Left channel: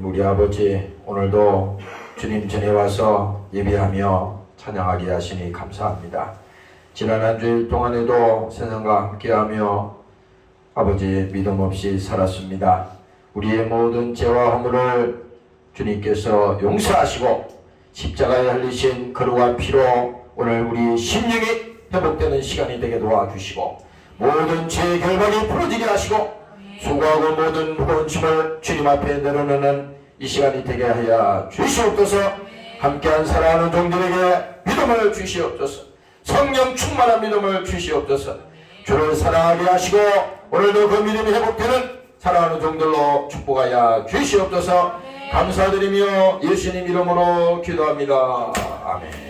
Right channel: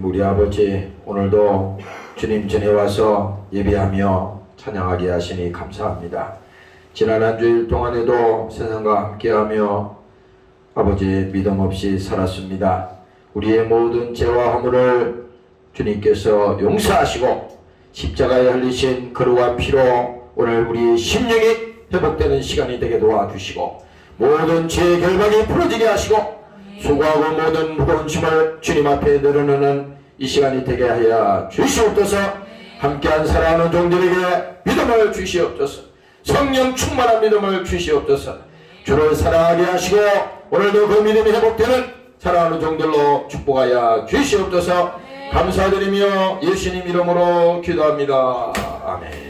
우리 아버지, 오늘도 주님 전에 와서 예배하며 찬양하게 하시니 감사합니다. 지난 한 주일 동안에도 세상과 함께하며 아버지 믿음 없이 살았습니다. 우리의 모든 죄와 허물을 주님께서 용서하시고 십자가에 흘리신 거룩한 피로 오늘 우리의 심령이 회복되는 시간이 되게 도와주시고 모든 죄의 결박이 풀어지게 하시고 수고하고 모든 무거운 짐을 주님 앞에 내려놓는 이 시간이 되게 하여 주시옵소서. 함께한 사랑하는 종들에게 믿음을 주시옵소서. 성령 충만한 믿음을 주시옵소서. 주를 사랑하게 하시고 오늘도 그 믿음이 회복되는 사랑하는 종들로 축복하여 주시옵소서. 감사드리며 예수님 이름으로 기도합니다. 아멘.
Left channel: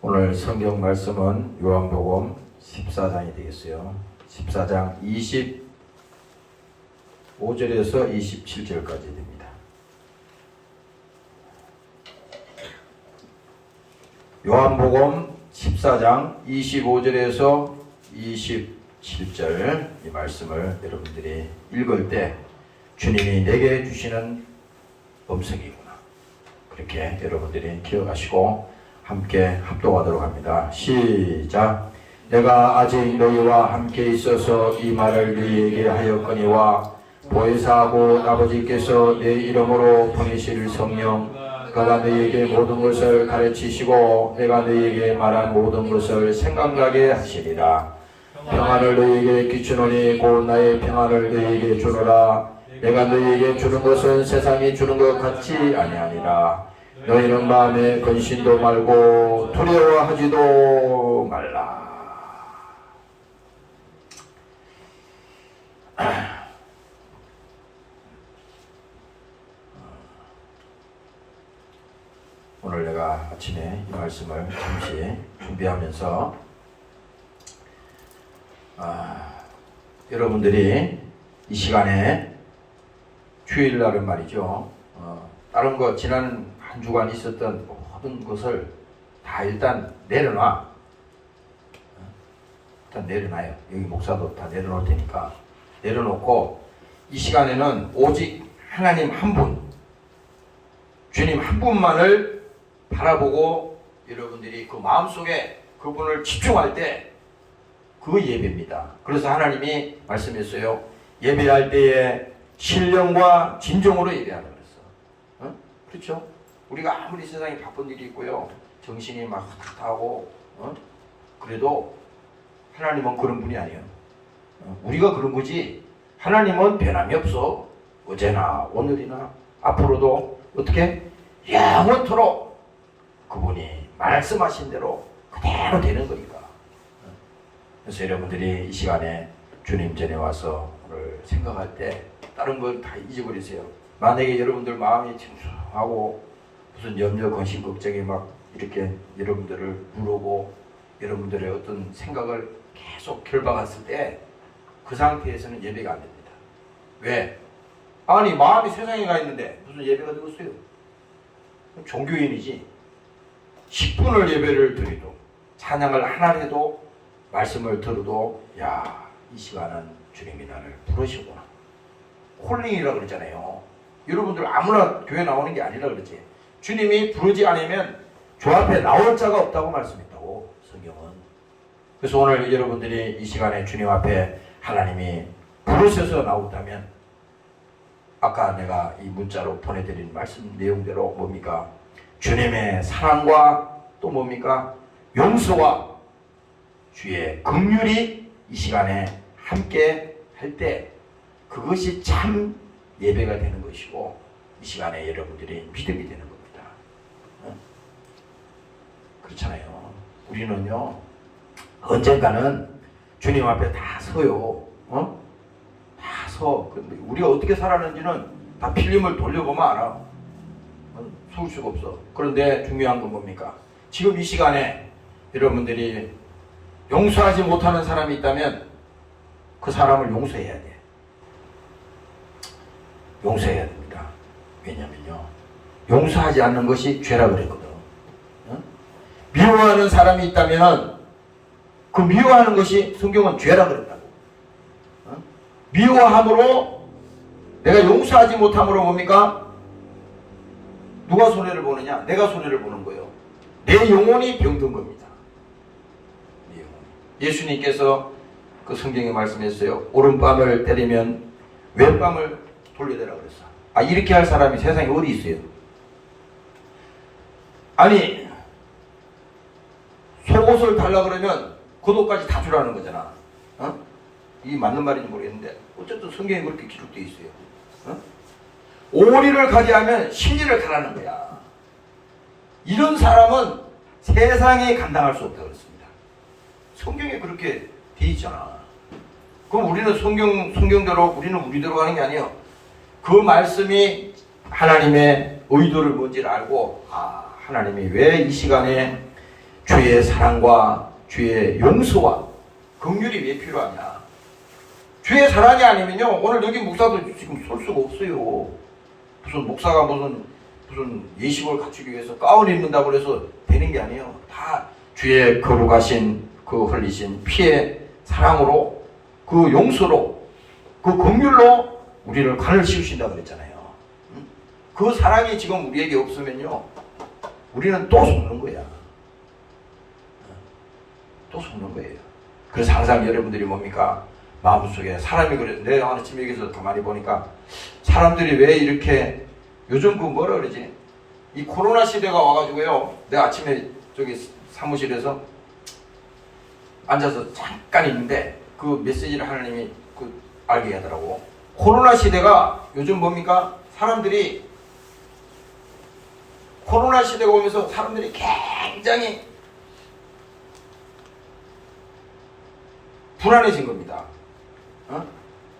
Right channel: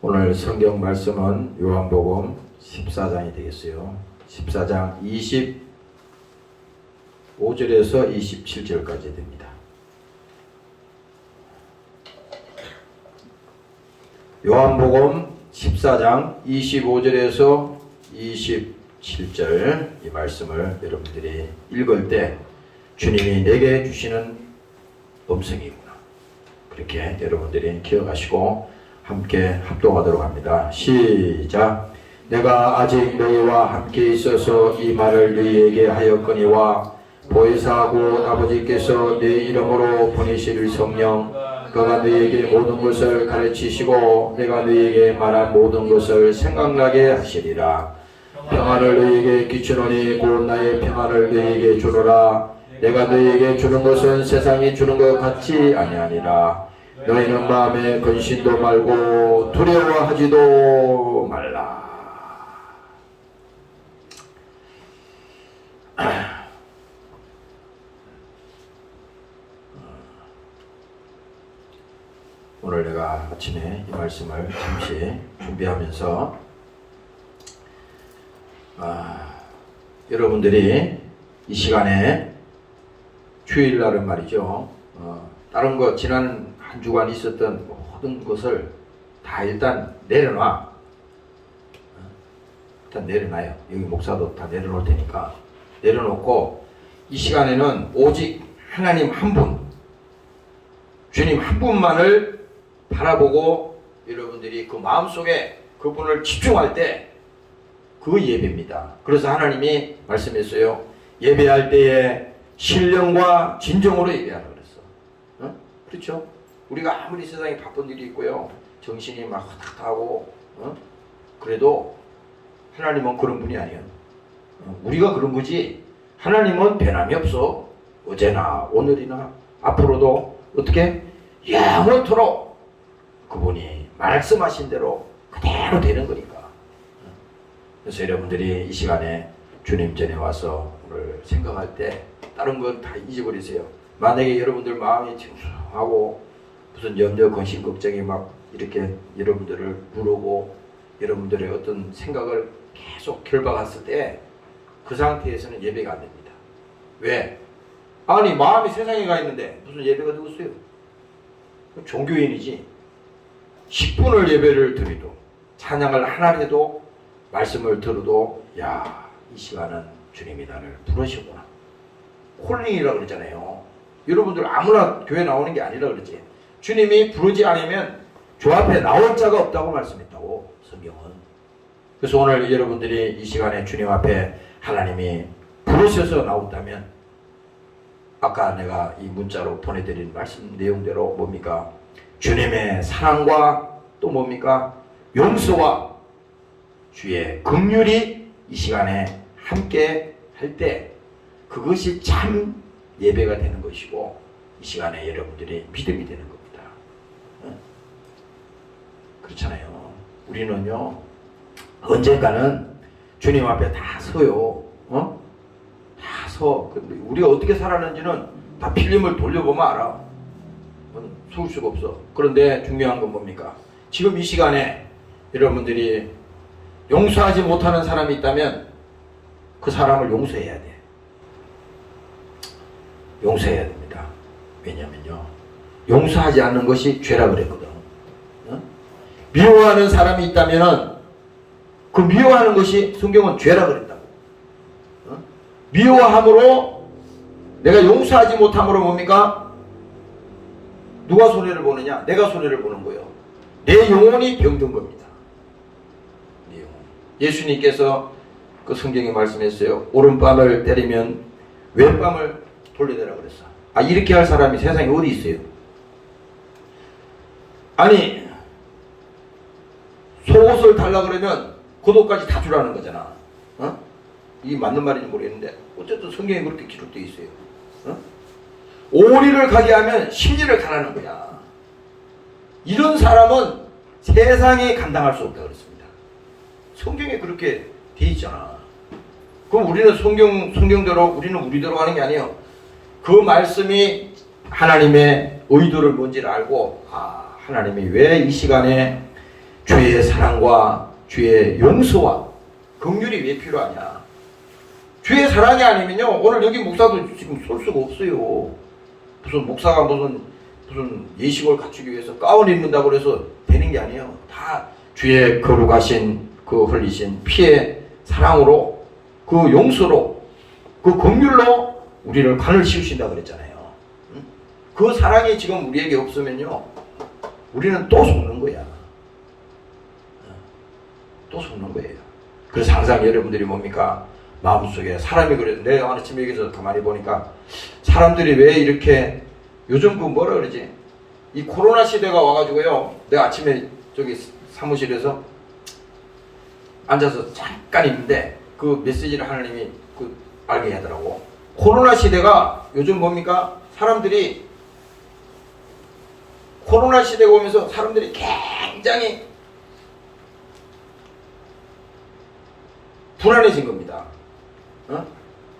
오늘 성경 말씀은 요한복음 14장이 되겠어요. 14장 25절에서 27절까지 됩니다. 요한복음 14장 25절에서 27절 이 말씀을 여러분들이 읽을 때 주님이 내게 주시는 음성이구나, 그렇게 여러분들이 기억하시고 함께 합독하도록 합니다. 시작. 내가 아직 너희와 함께 있어서 이 말을 너희에게 하였거니와 보혜사하고 아버지께서 내 이름으로 보내실 성령 그가 너희에게 모든 것을 가르치시고 내가 너희에게 말한 모든 것을 생각나게 하시리라. 평안을 너희에게 끼치노니 곧 나의 평안을 너희에게 주노라. 내가 너희에게 주는 것은 세상이 주는 것 같지 아니하니라. 너희는 마음에 근심도 말고 두려워하지도 말라. 오늘 내가 아침에 이 말씀을 잠시 준비하면서 여러분들이 이 시간에 주일날은 말이죠. 다른 거 지난 한 주간 있었던 모든 것을 다 일단 내려놔. 일단 내려놔요. 여기 목사도 다 내려놓을 테니까 내려놓고 이 시간에는 오직 하나님 한 분, 주님 한 분만을 바라보고 여러분들이 그 마음속에 그분을 집중할 때 그 예배입니다. 그래서 하나님이 말씀했어요. 예배할 때에 신령과 진정으로 예배하라고 그랬어. 어? 그렇죠? 우리가 아무리 세상에 바쁜 일이 있고요, 정신이 막 탁탁하고 그래도 하나님은 그런 분이 아니에요. 우리가 그런 거지 하나님은 변함이 없어. 어제나 오늘이나 앞으로도 어떻게 영원토록 그분이 말씀하신 대로 그대로 되는 거니까. 그래서 여러분들이 이 시간에 주님 전에 와서 오늘 생각할 때 다른 건 다 잊어버리세요. 만약에 여러분들 마음이 침수하고 무슨 염려, 근심, 걱정이 막 이렇게 여러분들을 부르고 여러분들의 어떤 생각을 계속 결박했을 때 그 상태에서는 예배가 안 됩니다. 왜? 아니 마음이 세상에 가 있는데 무슨 예배가 되겠어요? 종교인이지. 10분을 예배를 드려도 찬양을 하나 해도 말씀을 들어도 야, 이 시간은 주님이 나를 부르시구나. 콜링이라고 그러잖아요. 여러분들 아무나 교회 나오는 게 아니라 그러지. 주님이 부르지 않으면 주 앞에 나올 자가 없다고 말씀했다고 성경은. 그래서 오늘 여러분들이 이 시간에 주님 앞에 하나님이 부르셔서 나온다면 아까 내가 이 문자로 보내드린 말씀 내용대로 뭡니까? 주님의 사랑과 또 뭡니까? 용서와 주의 긍휼이 이 시간에 함께 할 때 그것이 참 예배가 되는 것이고 이 시간에 여러분들이 믿음이 되는 겁니다. 그렇잖아요. 우리는요 언젠가는 주님 앞에 다 서요. 다 서. 우리가 어떻게 살았는지는 다 필름을 돌려보면 알아. 속을 수가 없어. 그런데 중요한 건 뭡니까? 지금 이 시간에 여러분들이 용서하지 못하는 사람이 있다면 그 사람을 용서해야 돼. 용서해야 됩니다. 왜냐면요 용서하지 않는 것이 죄라 그랬거든. 미워하는 사람이 있다면 그 미워하는 것이 성경은 죄라 그랬다고. 미워함으로 내가 용서하지 못함으로 뭡니까? 누가 손해를 보느냐? 내가 손해를 보는 거예요. 내 영혼이 병든 겁니다. 예수님께서 그 성경에 말씀했어요. 오른밤을 때리면 왼밤을 돌려대라고 그랬어. 아, 이렇게 할 사람이 세상에 어디 있어요? 아니 속옷을 달라고 그러면 겉옷까지 다 주라는 거잖아. 이게 맞는 말인지 모르겠는데 어쨌든 성경에 그렇게 기록되어 있어요. 오리를 가게 하면 심지를 가라는 거야. 이런 사람은 세상에 감당할 수 없다고 그랬습니다. 성경에 그렇게 돼 있잖아. 그럼 우리는 성경대로 우리는 우리대로 하는 게 아니에요. 그 말씀이 하나님의 의도를 뭔지를 알고 하나님이 왜 이 시간에 주의 사랑과 주의 용서와 긍휼이 왜 필요하냐. 주의 사랑이 아니면요 오늘 여기 목사도 지금 설 수가 없어요. 무슨 목사가 무슨 예식을 갖추기 위해서 가운 입는다고 해서 되는 게 아니에요. 다 주의 거룩하신 그 흘리신 피의 사랑으로 그 용서로 그 긍휼로 우리를 간을 씌우신다 그랬잖아요. 그 사랑이 지금 우리에게 없으면요 우리는 또 속는 거야. 또 속는 거예요. 그래서 항상 여러분들이 뭡니까? 마음속에 사람이 그래요. 내가 아침에 여기서 가만히 보니까 사람들이 왜 이렇게 요즘 그 뭐라 그러지? 이 코로나 시대가 와가지고요. 내가 아침에 저기 사무실에서 앉아서 잠깐 있는데 그 메시지를 하나님이 그 알게 하더라고. 코로나 시대가 요즘 뭡니까? 사람들이 코로나 시대가 오면서 사람들이 굉장히 불안해진 겁니다.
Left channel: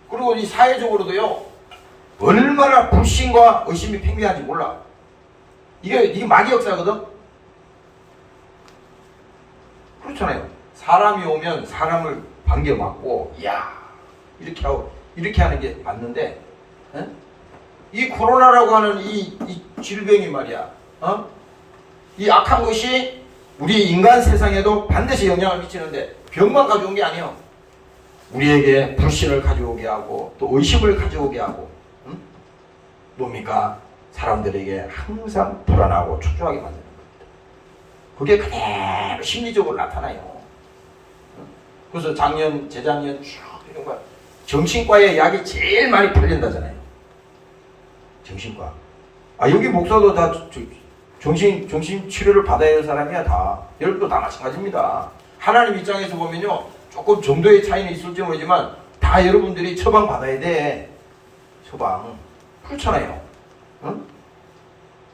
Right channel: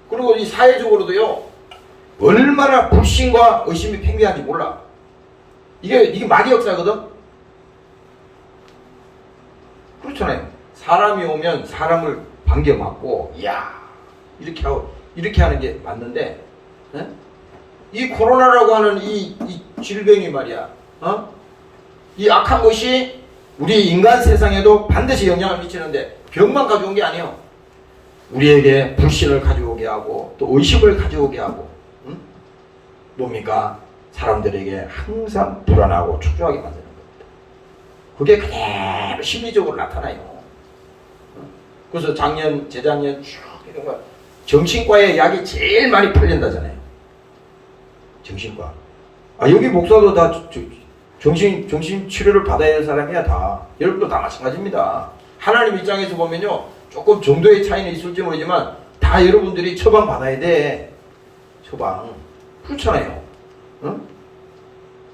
그리고 이 사회적으로도요 얼마나 불신과 의심이 팽배한지 몰라. 이게 마귀 역사거든. 그렇잖아요. 사람이 오면 사람을 반겨 맞고 야 이렇게 하고 이렇게 하는 게 맞는데 이 코로나라고 하는 이 질병이 말이야. 이 악한 것이 우리 인간 세상에도 반드시 영향을 미치는데 병만 가져온 게 아니에요. 우리에게 불신을 가져오게 하고 또 의심을 가져오게 하고 뭡니까? 사람들에게 항상 불안하고 초조하게 만드는 겁니다. 그게 그대로 심리적으로 나타나요. 그래서 작년, 재작년 쭉 정신과에 약이 제일 많이 팔린다잖아요. 정신과. 여기 목사도 다 정신 치료를 받아야 할 사람이야, 다. 여러분도 다 마찬가지입니다. 하나님 입장에서 보면요, 조금 정도의 차이는 있을지 모르지만 다 여러분들이 처방 받아야 돼. 처방. 그렇잖아요. 응?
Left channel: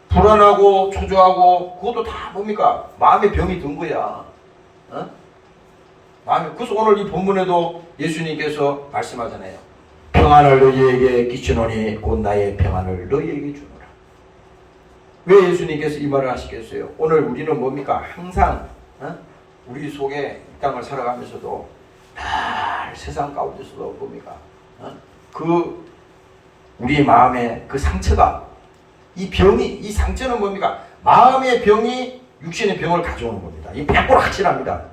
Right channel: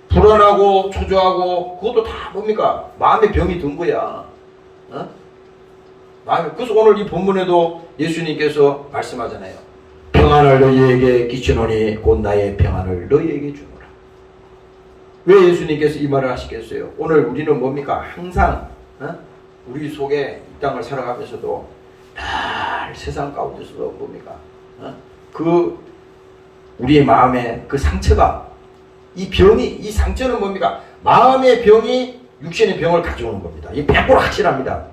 불안하고 초조하고 그것도 다 뭡니까? 마음의 병이 든 거야. 응? 그래서 오늘 이 본문에도 예수님께서 말씀하잖아요. 평안을 너희에게 끼치노니 곧 나의 평안을 너희에게 주노라. 왜 예수님께서 이 말을 하시겠어요? 오늘 우리는 뭡니까? 항상 우리 속에 이 땅을 살아가면서도 늘 세상 가운데서도 뭡니까? 그 우리 마음의 그 상처가 이 병이 이 상처는 뭡니까? 마음의 병이 육신의 병을 가져오는 겁니다. 이 100% 확실합니다.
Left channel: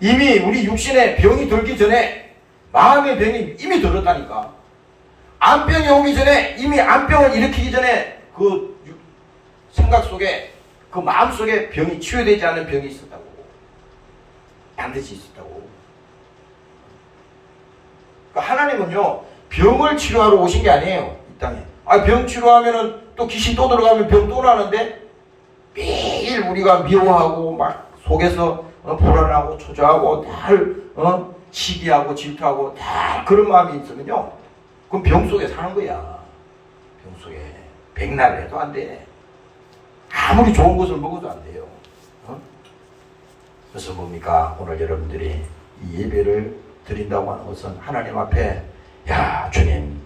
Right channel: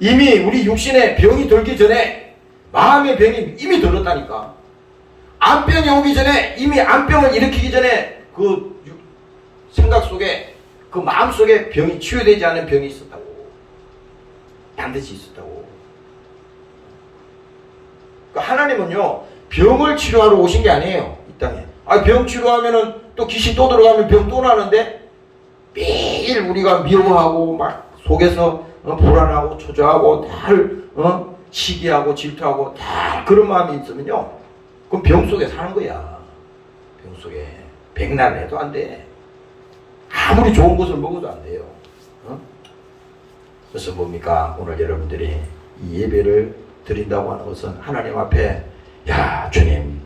이미 우리 육신의 병이 들기 전에 마음의 병이 이미 들었다니까. 암병이 오기 전에 이미 암병을 일으키기 전에 그 생각 속에 그 마음 속에 병이 치유되지 않은 병이 있었다고. 반드시 있었다고. 그러니까 하나님은요 병을 치료하러 오신 게 아니에요. 이 땅에. 병 치료하면은 또 귀신 또 들어가면 병 또 나는데 매일 우리가 미워하고 막 속에서 불안하고 초조하고 늘 시기하고 질투하고 다 그런 마음이 있으면요 그럼 병 속에 사는 거야. 병 속에 백날을 해도 안 돼. 아무리 좋은 것을 먹어도 안 돼요. 그래서 뭡니까? 오늘 여러분들이 이 예배를 드린다고 하는 것은 하나님 앞에 야 주님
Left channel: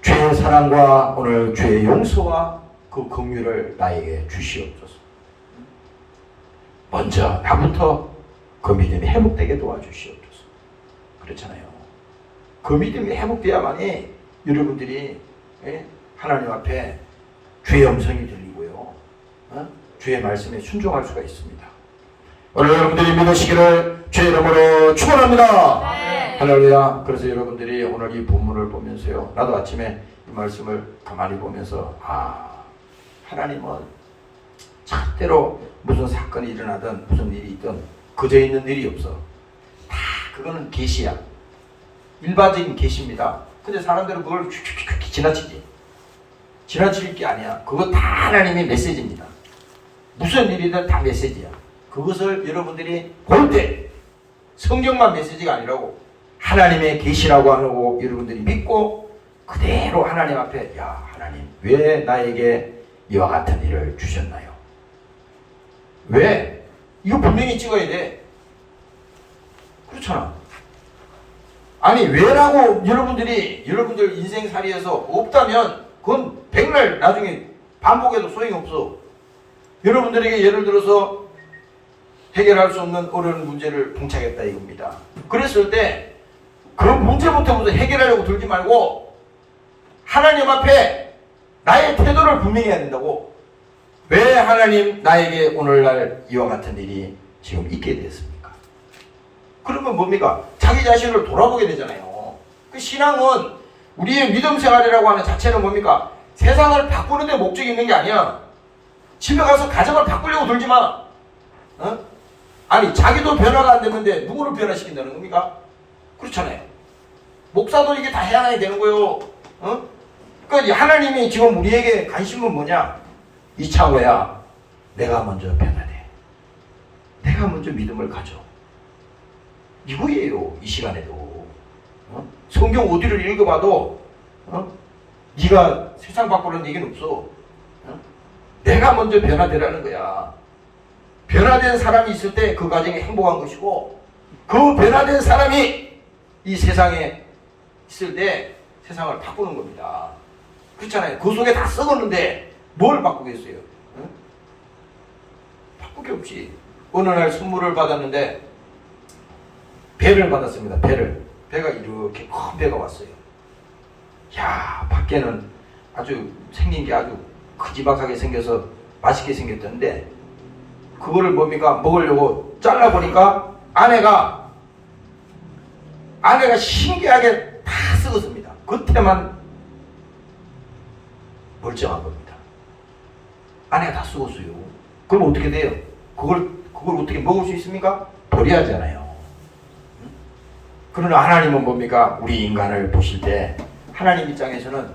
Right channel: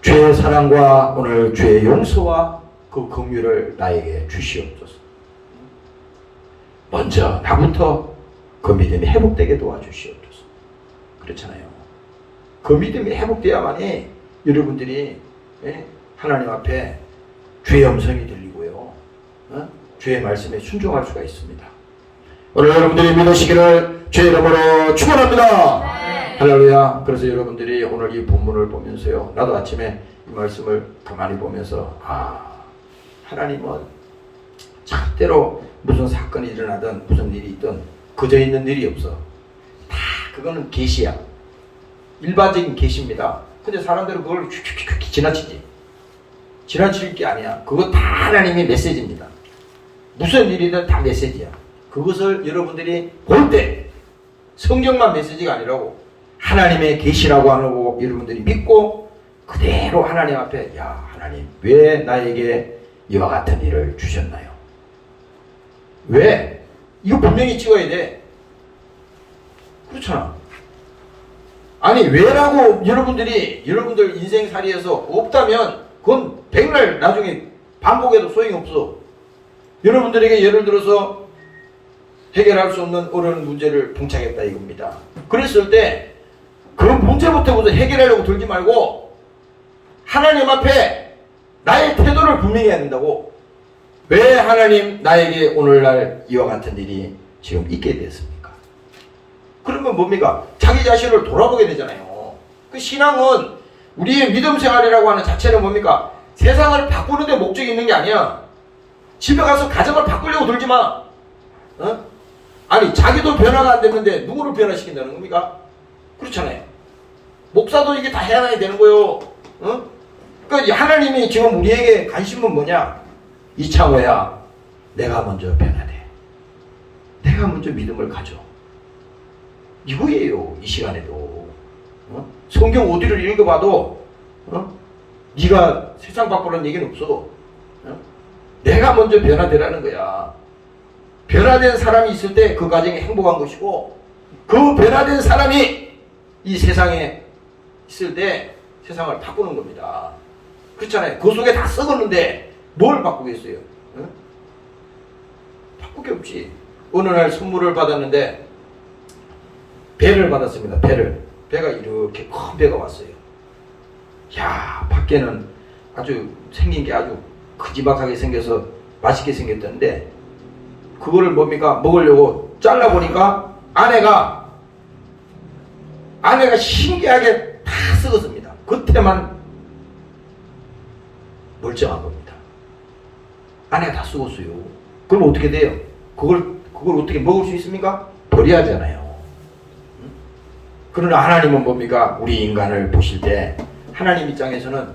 죄의 사랑과 오늘 죄의 용서와 그 긍휼을 나에게 주시옵소서. 먼저 나부터 그 믿음이 회복되게 도와주시옵소서. 그렇잖아요. 그 믿음이 회복돼야만이 여러분들이 하나님 앞에 주의 음성이 들리고요. 주의 말씀에 순종할 수가 있습니다. 오늘 여러분들이 믿으시기를 주의 이름으로 축원합니다. 네. 할렐루야. 그래서 여러분들이 오늘 이 본문을 보면서요. 나도 아침에 이 말씀을 가만히 보면서 하나님은 절대로 무슨 사건이 일어나든 무슨 일이 있든 그저 있는 일이 없어. 다 그거는 계시야. 일반적인 계시입니다. 근데 사람들은 그걸 지나치지. 지나칠 게 아니야. 그거 다 하나님의 메시지입니다. 무슨 일이든 다 메시지야. 그것을 여러분들이 볼 때 성경만 메시지가 아니라고 하나님의 계시라고 하고 여러분들이 믿고 그대로 하나님 앞에 야 하나님 왜 나에게 이와 같은 일을 주셨나요? 왜? 이거 분명히 찍어야 돼. 그렇잖아. 아니 왜라고 여러분들 인생살이에서 없다면 그건 백날 나중에 반복해도 소용이 없어. 여러분들에게 예를 들어서 해결할 수 없는 어려운 문제를 봉착했다 이겁니다. 그랬을 때 그 문제부터 해결하려고 들지 말고 하나님 앞에 나의 태도를 분명히 해야 된다고. 왜 하나님 나에게 오늘날 이와 같은 일이 지금 있게 됐습니까? 그러면 뭡니까? 자기 자신을 돌아보게 되잖아요. 그 신앙은 우리의 믿음 생활이라고 하는 자체는 뭡니까? 세상을 바꾸는 데 목적이 있는 게 아니야. 집에 가서 가정을 바꾸려고 들지 마. 아니 자기도 변화가 안 됐는데 누구를 변화시킨다는 겁니까? 그렇잖아요. 목사도 이게 다 해야 되는 거예요. 그러니까 하나님이 지금 우리에게 관심은 뭐냐? 이창호야, 내가 먼저 변화돼. 내가 먼저 믿음을 가져. 이거예요. 이 시간에도. 성경 어디를 읽어봐도 네가 세상 바꾸라는 얘기는 없어. 내가 먼저 변화되라는 거야. 변화된 사람이 있을 때 그 가정이 행복한 것이고 그 변화된 사람이 이 세상에 있을 때 세상을 바꾸는 겁니다. 그렇잖아요. 그 속에 다 썩었는데 뭘 바꾸겠어요? 응? 바꿀 게 없지. 어느 날 선물을 받았는데 배를 받았습니다. 배가 이렇게 큰 배가 왔어요. 야, 밖에는 아주 생긴 게 아주 크지막하게 생겨서 맛있게 생겼던데 그거를 뭡니까? 먹으려고 잘라보니까 안에가 신기하게 다 썩었습니다. 겉에만 멀쩡한 겁니다. 안에 다 썩었어요. 그럼 어떻게 돼요? 그걸 어떻게 먹을 수 있습니까? 버려야 하잖아요. 그러나 하나님은 뭡니까? 우리 인간을 보실 때 하나님 입장에서는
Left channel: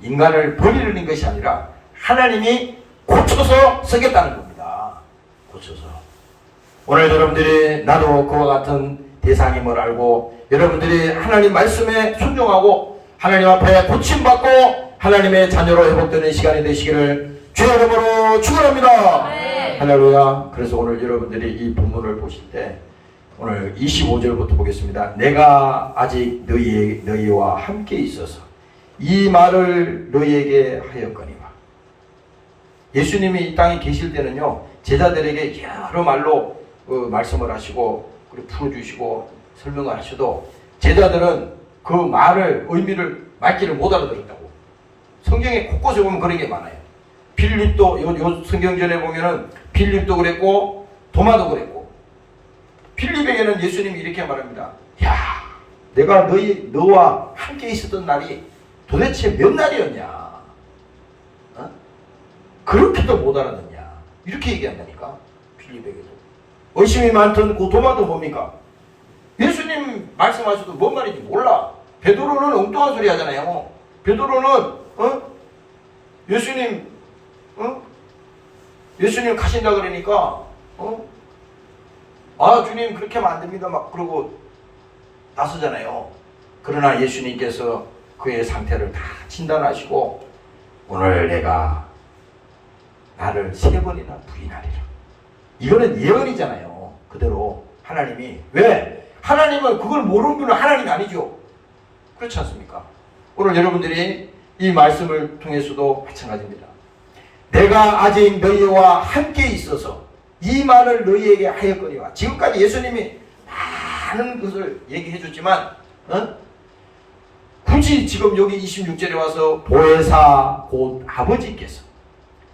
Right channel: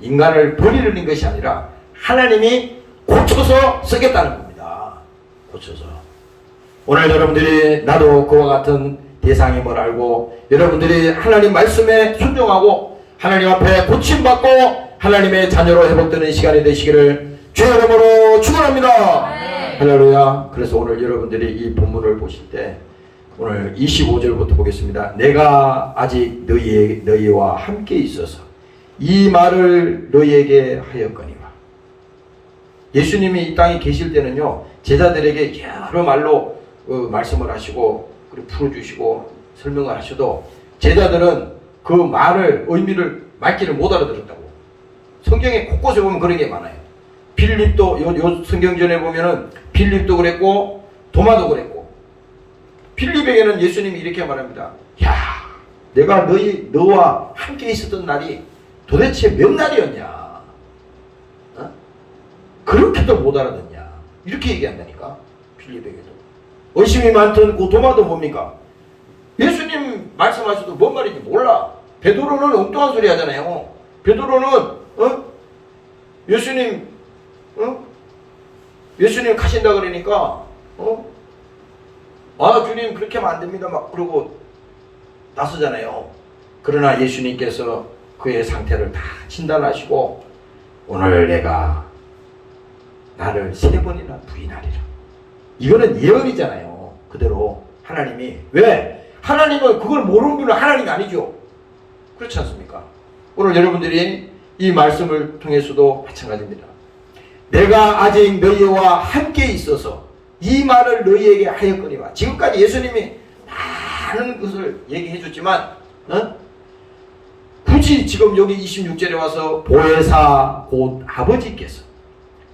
인간을 버리는 것이 아니라 하나님이 고쳐서 쓰겠다는 겁니다. 고쳐서. 오늘 여러분들이 나도 그와 같은 대상임을 알고 여러분들이 하나님 말씀에 순종하고 하나님 앞에 고침받고 하나님의 자녀로 회복되는 시간이 되시기를 주의 이름으로 축원합니다. 할렐루야. 그래서 오늘 여러분들이 이 본문을 보실 때 오늘 25절부터 보겠습니다. 내가 아직 너희와 함께 있어서 이 말을 너희에게 하였거니와. 예수님이 이 땅에 계실 때는요, 제자들에게 여러 말로 말씀을 하시고 그리고 풀어주시고 설명을 하셔도 제자들은 그 말을 의미를 말귀를 못 알아들었다고. 성경에 곳곳에 보면 그런 게 많아요. 빌립도 요 성경전에 보면은 빌립도 그랬고 도마도 그랬고, 빌립에게는 예수님이 이렇게 말합니다. 야, 내가 너와 함께 있었던 날이 도대체 몇 날이었냐? 어? 그렇게도 못 알아듣냐? 이렇게 얘기한다니까. 빌립에게도. 의심이 많던 그 도마도 뭡니까? 예수님 말씀하셔도 뭔 말인지 몰라. 베드로는 엉뚱한 소리 하잖아요. 베드로는 예수님 가신다 그러니까 아, 주님 그렇게 하면 안 됩니다 막 그러고 나서잖아요. 그러나 예수님께서 그의 상태를 다 진단하시고 오늘 내가 나를 3번이나 부인하리라. 이거는 예언이잖아요. 그대로 하나님이. 왜? 하나님은 그걸 모르는 분은 하나님이 아니죠. 그렇지 않습니까? 오늘 여러분들이 이 말씀을 통해서도 마찬가지입니다. 내가 아직 너희와 함께 있어서 이 말을 너희에게 하였거니와. 지금까지 예수님이 많은 것을 얘기해 줬지만 굳이 지금 여기 26절에 와서 보혜사 곧 아버지께서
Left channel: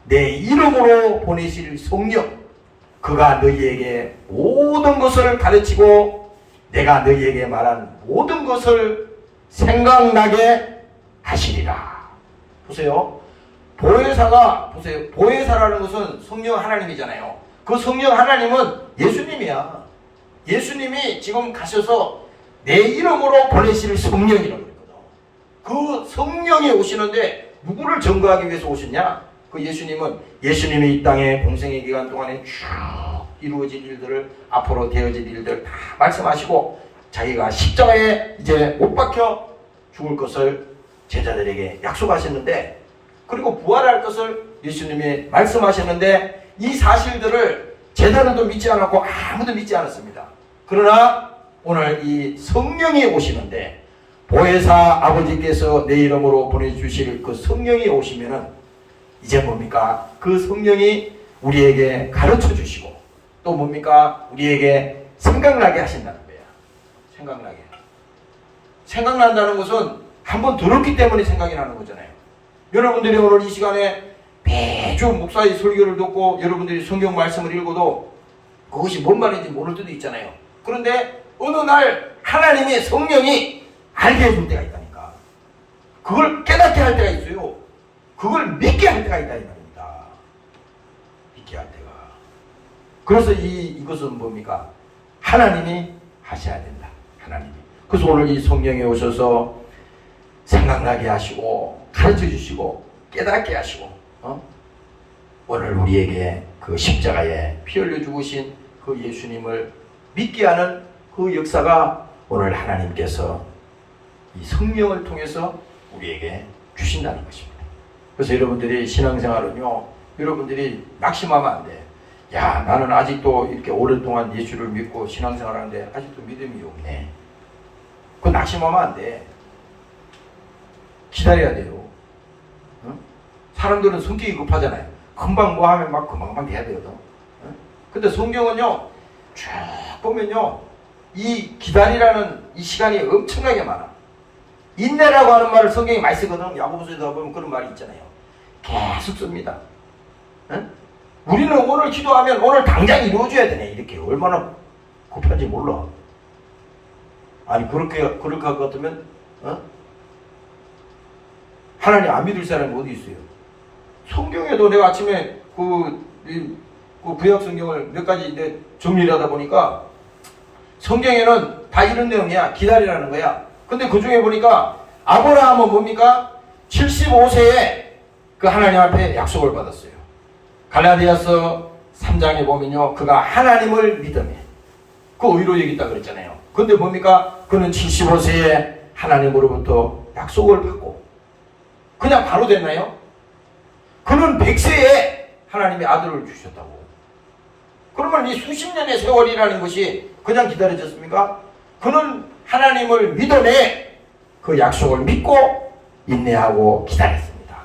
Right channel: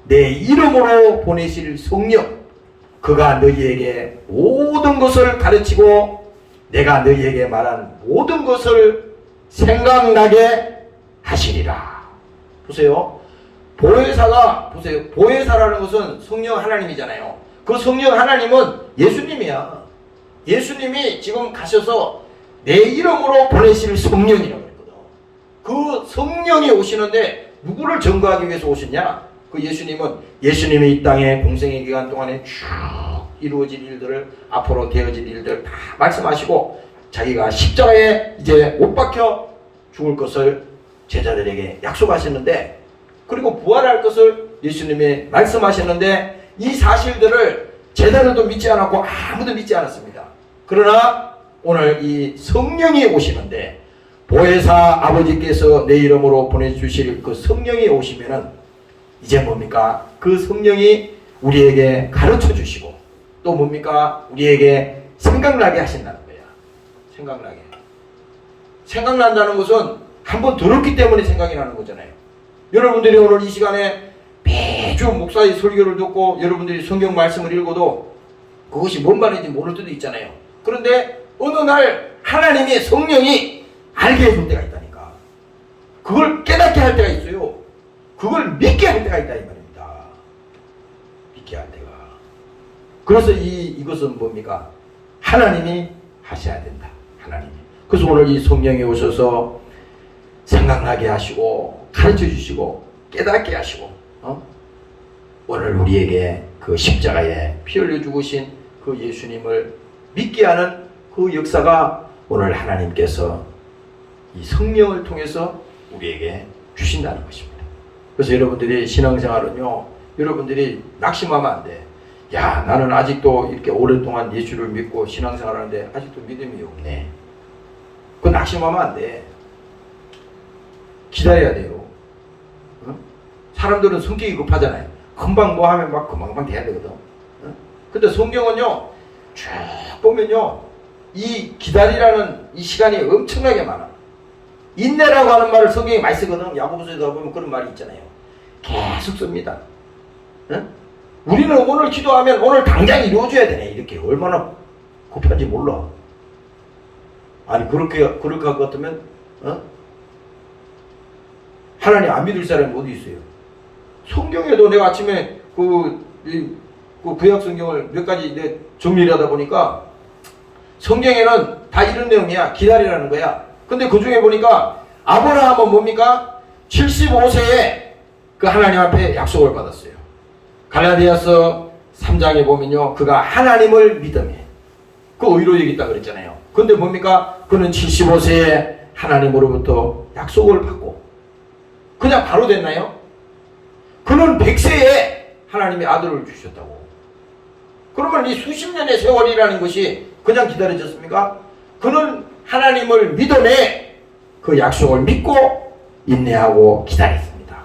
내 이름으로 보내실 성령 그가 너희에게 모든 것을 가르치고 내가 너희에게 말한 모든 것을 생각나게 하시리라. 보세요. 보혜사가 보세요. 보혜사라는 것은 성령 하나님이잖아요. 그 성령 하나님은 예수님이야. 예수님이 지금 가셔서 내 이름으로 보내실 성령이라고 그랬거든. 그 성령이 오시는데 누구를 증거하기 위해서 오셨냐? 그 예수님이 이 땅에 공생의 기간 동안에 쭉 이루어질 일들을 앞으로 되어질 일들 다 말씀하시고 자기가 십자가에 이제 못 박혀 죽을 것을 제자들에게 약속하셨는데 그리고 부활할 것을 예수님이 말씀하셨는데 이 사실들을 제자들도 믿지 않았고 아무도 믿지 않았습니다. 그러나 오늘 이 성령이 오시는데 보혜사 아버지께서 내 이름으로 보내주실 그 성령이 오시면은 이제 뭡니까? 그 성령이 우리에게 가르쳐 주시고 또 뭡니까? 우리에게 생각나게 하신다는 거예요. 생각나게. 생각난다는 것은 한번 들었기 때문에 생각이 나는 거잖아요. 여러분들이 오늘 이 시간에 매주 목사의 설교를 듣고 여러분들이 성경 말씀을 읽어도 그것이 뭔 말인지 모를 때도 있잖아요. 그런데 어느 날 하나님의 성령이 알게 해줄 때가 있다니까. 그걸 깨닫게 할 때가 있어요. 그걸 믿게 할 때가 있다 이 말입니다. 믿게 할 때가. 그래서 이것은 뭡니까? 하나님이 하셔야 된다. 하나님이. 그래서 오늘 이 성령이 오셔서 생각나게 하시고 가르쳐 주시고 깨닫게 하시고 오늘 우리에게 그 십자가에 피 흘려 죽으신 그 예수님을 믿게 하는 그 역사가 오늘 하나님께서 이 성령을 통해서 우리에게 주신다는 것입니다. 그래서 여러분들이 신앙생활은요, 여러분들이 낙심하면 안 돼. 야, 나는 아직도 이렇게 오랫동안 예수를 믿고 신앙생활하는데 아직도 믿음이 없네. 그거 낙심하면 안 돼. 기다려야 돼요. 응? 사람들은 성격이 급하잖아요. 금방 뭐 하면 막 금방 돼야 되거든. 응? 근데 성경은요, 쭉 보면요, 이 기다리라는 이 시간이 엄청나게 많아. 인내라고 하는 말을 성경에 많이 쓰거든. 야고보서에도 보면 그런 말이 있잖아요. 계속 씁니다. 응? 우리는 오늘 기도하면 오늘 당장 이루어져야 되네. 이렇게 얼마나 급한지 몰라. 아니 그렇게 할 것 같으면 하나님 안 믿을 사람이 어디 있어요? 성경에도 내가 아침에 그 구약 성경을 몇 가지 정리를 하다 보니까 성경에는 다 이런 내용이야. 기다리라는 거야. 근데 그 중에 보니까 아브라함은 뭡니까? 75세에 그 하나님 앞에 약속을 받았어요. 갈라디아서 3장에 보면요, 그가 하나님을 믿음에 그 의로 여겼다 그랬잖아요. 근데 뭡니까? 그는 75세에 하나님으로부터 약속을 받고 그냥 바로 됐나요? 그는 100세에 하나님이 아들을 주셨다고. 그러면 이 수십 년의 세월이라는 것이 그냥 기다려졌습니까? 그는 하나님을 믿어내 그 약속을 믿고 인내하고 기다렸습니다.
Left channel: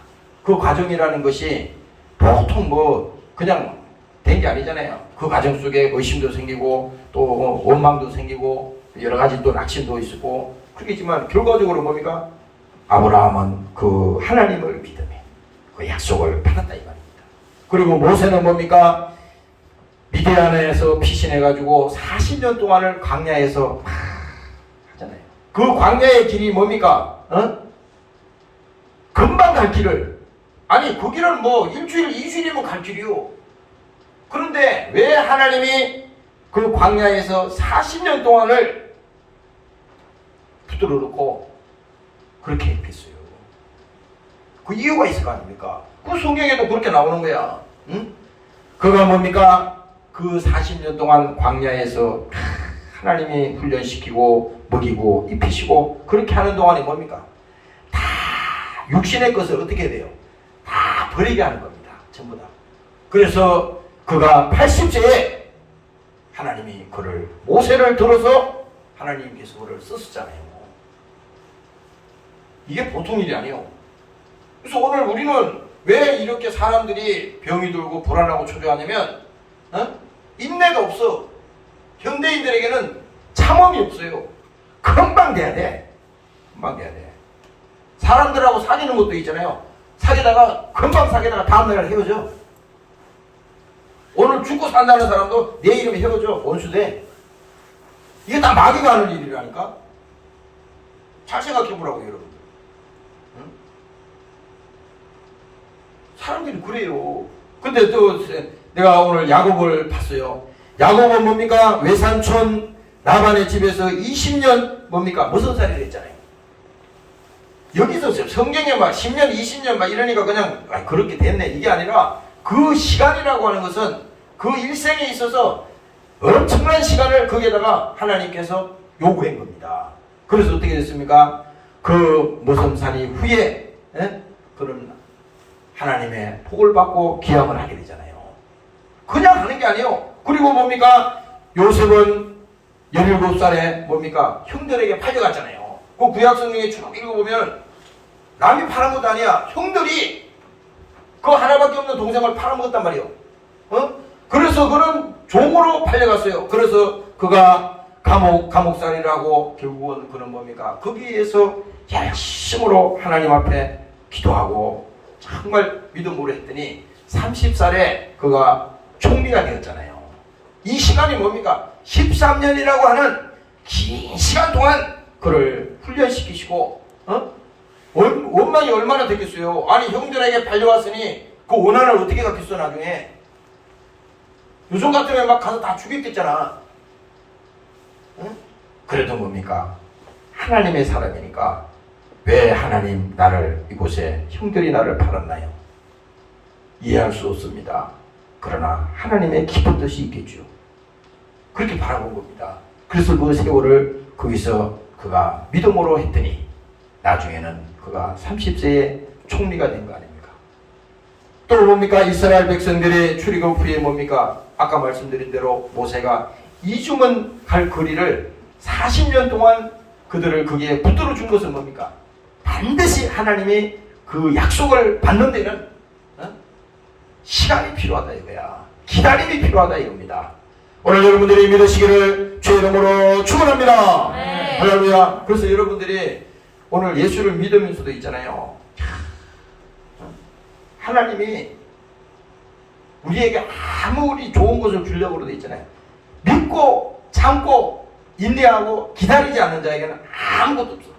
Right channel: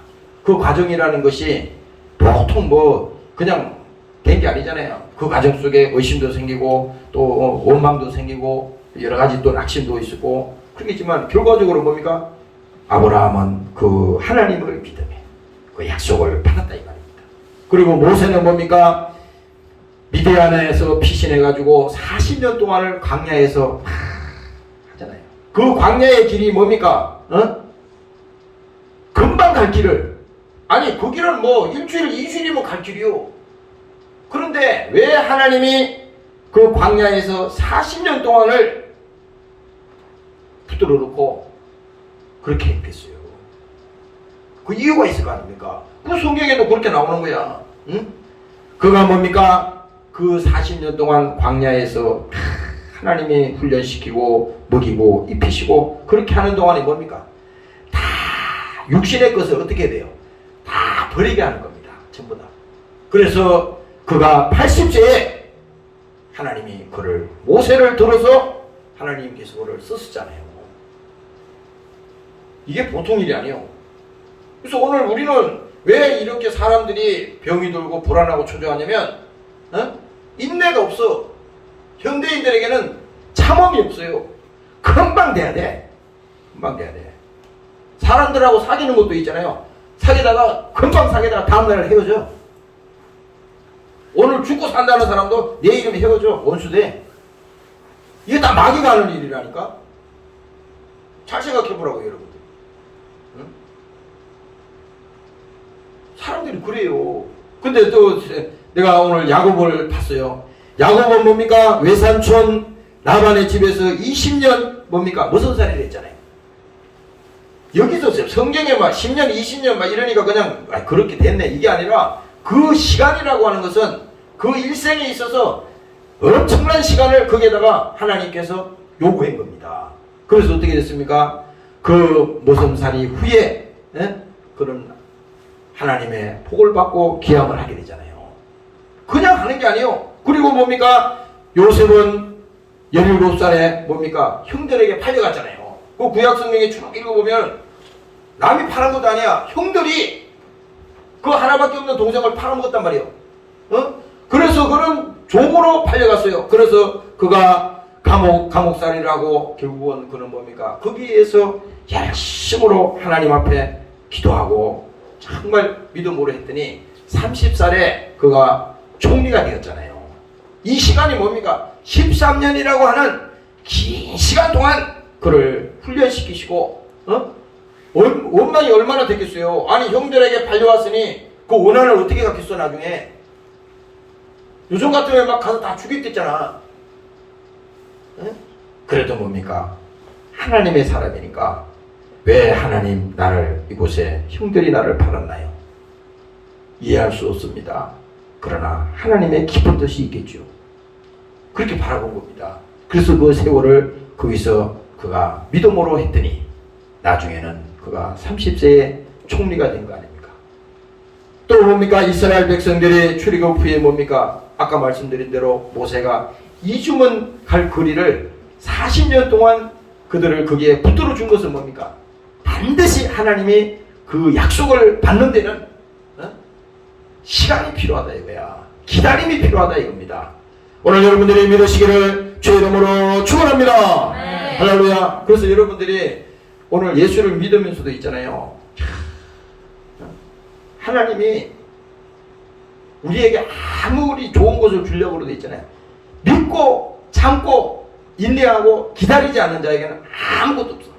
그 과정이라는 것이 보통 그냥 된 게 아니잖아요. 그 과정 속에 의심도 생기고 또 원망도 생기고 여러 가지 또 낙심도 있었고 그렇겠지만 결과적으로 뭡니까? 아브라함은 그 하나님을 믿음에 그 약속을 받았다 이 말입니다. 그리고 모세는 뭡니까? 미디안에서 피신해가지고 40년 동안을 광야에서 하잖아요. 그 광야의 길이 뭡니까? 금방 갈 길을, 아니 그 길은 일주일, 2주일이면 갈 길이요. 그런데 왜 하나님이 그 광야에서 40년 동안을 붙들어 놓고 그렇게 했겠어요? 그 이유가 있을 거 아닙니까? 그 성경에도 그렇게 나오는 거야. 응? 그가 뭡니까? 그 40년 동안 광야에서 하나님이 훈련시키고 먹이고 입히시고 그렇게 하는 동안에 뭡니까? 다 육신의 것을 어떻게 돼요? 다 버리게 하는 겁니다. 전부 다. 그래서 그가 80세에 하나님이 그를 모세를 들어서 하나님께서 그를 썼었잖아요. 이게 보통 일이 아니에요. 그래서 오늘 우리는 왜 이렇게 사람들이 병이 들고 불안하고 초조하냐면 인내가 없어. 현대인들에게는 참음이 없어요. 금방 돼야 돼. 금방 돼야 돼. 사람들하고 사귀는 것도 있잖아요. 사귀다가 금방 사귀다가 다음날 헤어져. 오늘 죽고 산다는 사람도 내일이면 헤어져. 원수돼. 이게 다 마귀가 하는 일이라니까. 잘 생각해보라고 여러분들. 응? 사람들이 그래요. 근데 또 내가 오늘 야곱을 봤어요. 야곱은 뭡니까? 외삼촌 라반의 집에서 20년 뭡니까? 무슨 살이를 했잖아요. 여기서 성경에 막 10년, 20년 막 이러니까 그냥 그렇게 됐네. 이게 아니라 그 시간이라고 하는 것은 그 일생에 있어서 엄청난 시간을 거기에다가 하나님께서 요구한 겁니다. 그래서 어떻게 됐습니까? 그 모성살이 후에 그런 하나님의 복을 받고 기함을 하게 되잖아요. 그냥 하는 게 아니에요. 그리고 뭡니까? 요셉은 17살에 뭡니까? 형들에게 팔려갔잖아요. 그 구약성경에 쭉 읽어보면 남이 파는 것도 아니야. 형들이 그 하나밖에 없는 동생을 팔아먹었단 말이에요. 그래서 그는 종으로 팔려갔어요. 그래서 그가 감옥살이를 하고 결국은 그는 뭡니까? 거기에서 열심으로 하나님 앞에 기도하고 정말 믿음으로 했더니 30살에 그가 총리가 되었잖아요. 이 시간이 뭡니까? 13년이라고 하는 긴 시간 동안 그를 훈련시키시고 원만이 얼마나 됐겠어요? 아니 형들에게 팔려왔으니 그 원한을 어떻게 갖겠어 나중에. 요즘 같으면 막 가서 다 죽였겠잖아. 그래도 뭡니까? 하나님의 사람이니까 왜 하나님 나를 이곳에 형들이 나를 팔았나요? 이해할 수 없습니다. 그러나 하나님의 깊은 뜻이 있겠죠. 그렇게 바라본 겁니다. 그래서 그 세월을 거기서 그가 믿음으로 했더니 나중에는 그가 30세에 총리가 된 거 아닙니까? 또 뭡니까? 이스라엘 백성들의 출애굽 후에 뭡니까? 아까 말씀드린 대로 모세가 이주문 갈 거리를 40년 동안 그들을 거기에 붙들어 준 것은 뭡니까? 반드시 하나님이 그 약속을 받는 데는 시간이 필요하다 이거야. 기다림이 필요하다 이겁니다. 오늘 여러분들이 믿으시기를 주의 이름으로 축원합니다. 할렐루야. 그래서 여러분들이 오늘 예수를 믿으면서도 있잖아요. 하나님이 우리에게 아무리 좋은 것을 주려고 그러도 있잖아요. 믿고 참고 인내하고 기다리지 않는 자에게는 아무것도 없어.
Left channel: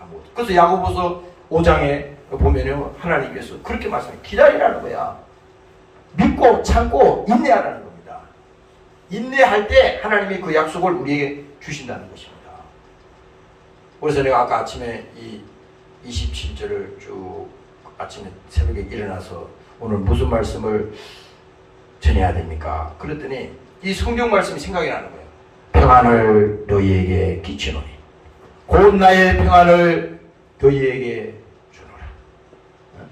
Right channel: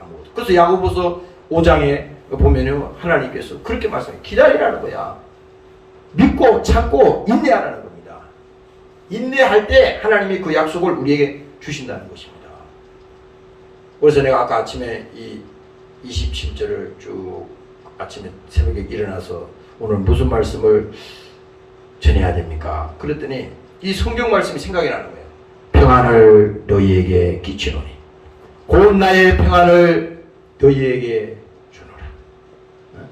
아무것도. 그래서 야고보서 5장에 보면요, 하나님께서 그렇게 말씀해요. 기다리라는 거야. 믿고 참고 인내하라는 겁니다. 인내할 때 하나님이 그 약속을 우리에게 주신다는 것입니다. 그래서 내가 아까 아침에 이 27절을 쭉 아침에 새벽에 일어나서 오늘 무슨 말씀을 전해야 됩니까? 그랬더니 이 성경 말씀이 생각이 나는 거예요. 평안을 너희에게 끼치노니 곧 나의 평안을 너희에게 주노라.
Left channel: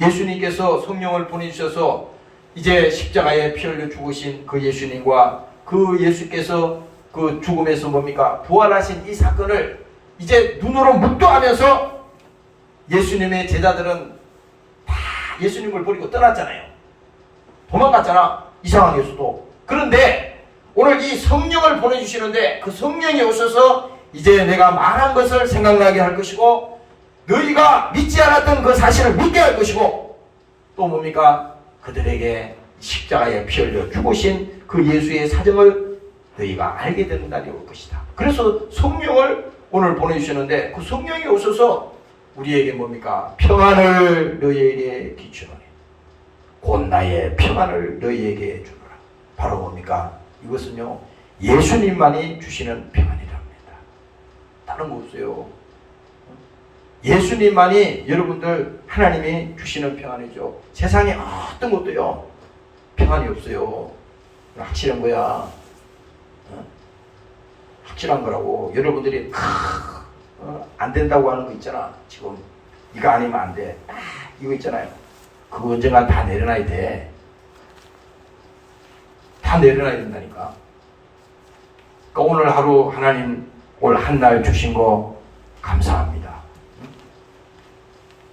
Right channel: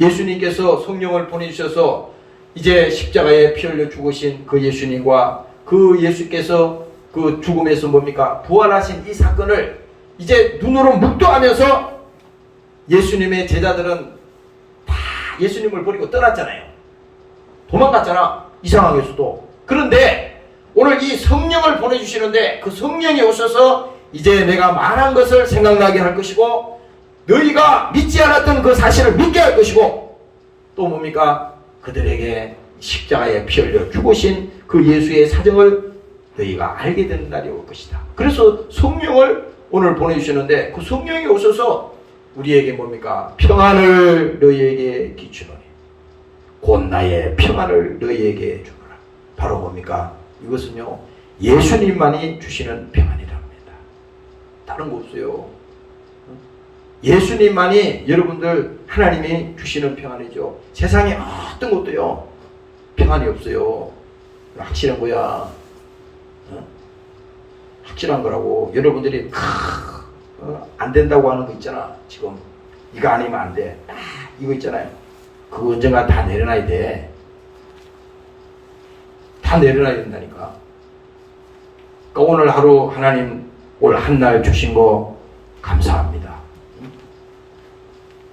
예수님께서 성령을 보내주셔서 이제 십자가에 피 흘려 죽으신 그 예수님과 그 예수께서 그 죽음에서 뭡니까? 부활하신 이 사건을 이제 눈으로 묵도하면서 예수님의 제자들은 다 예수님을 버리고 떠났잖아요. 도망갔잖아. 이 상황에서도. 그런데 오늘 이 성령을 보내주시는데 그 성령이 오셔서 이제 내가 말한 것을 생각나게 할 것이고 너희가 믿지 않았던 그 사실을 믿게 할 것이고 또 뭡니까? 그들에게 십자가에 피 흘려 죽으신 그 예수의 사정을 너희가 알게 되는 날이 올 것이다. 그래서 성령을 오늘 보내주시는데 그 성령이 오셔서 우리에게 뭡니까? 평안을 너희에게 끼치노니 곧 나의 평안을 너희에게 주노라. 바로 뭡니까? 이것은요 예수님만이 주시는 평안이랍니다. 다른 거 없어요. 예수님만이 여러분들 하나님이 주시는 평안이죠. 세상에 어떤 것도요 평안이 없어요. 확실한 거야. 확실한 거라고. 여러분들이 안 된다고 하는 거 있잖아. 지금 이거 아니면 안 돼. 이거 있잖아요. 그거 언젠가 다 내려놔야 돼. 다 내려놔야 된다니까. 그러니까 오늘 하루 하나님 올 한 날 주신 거 감사합니다.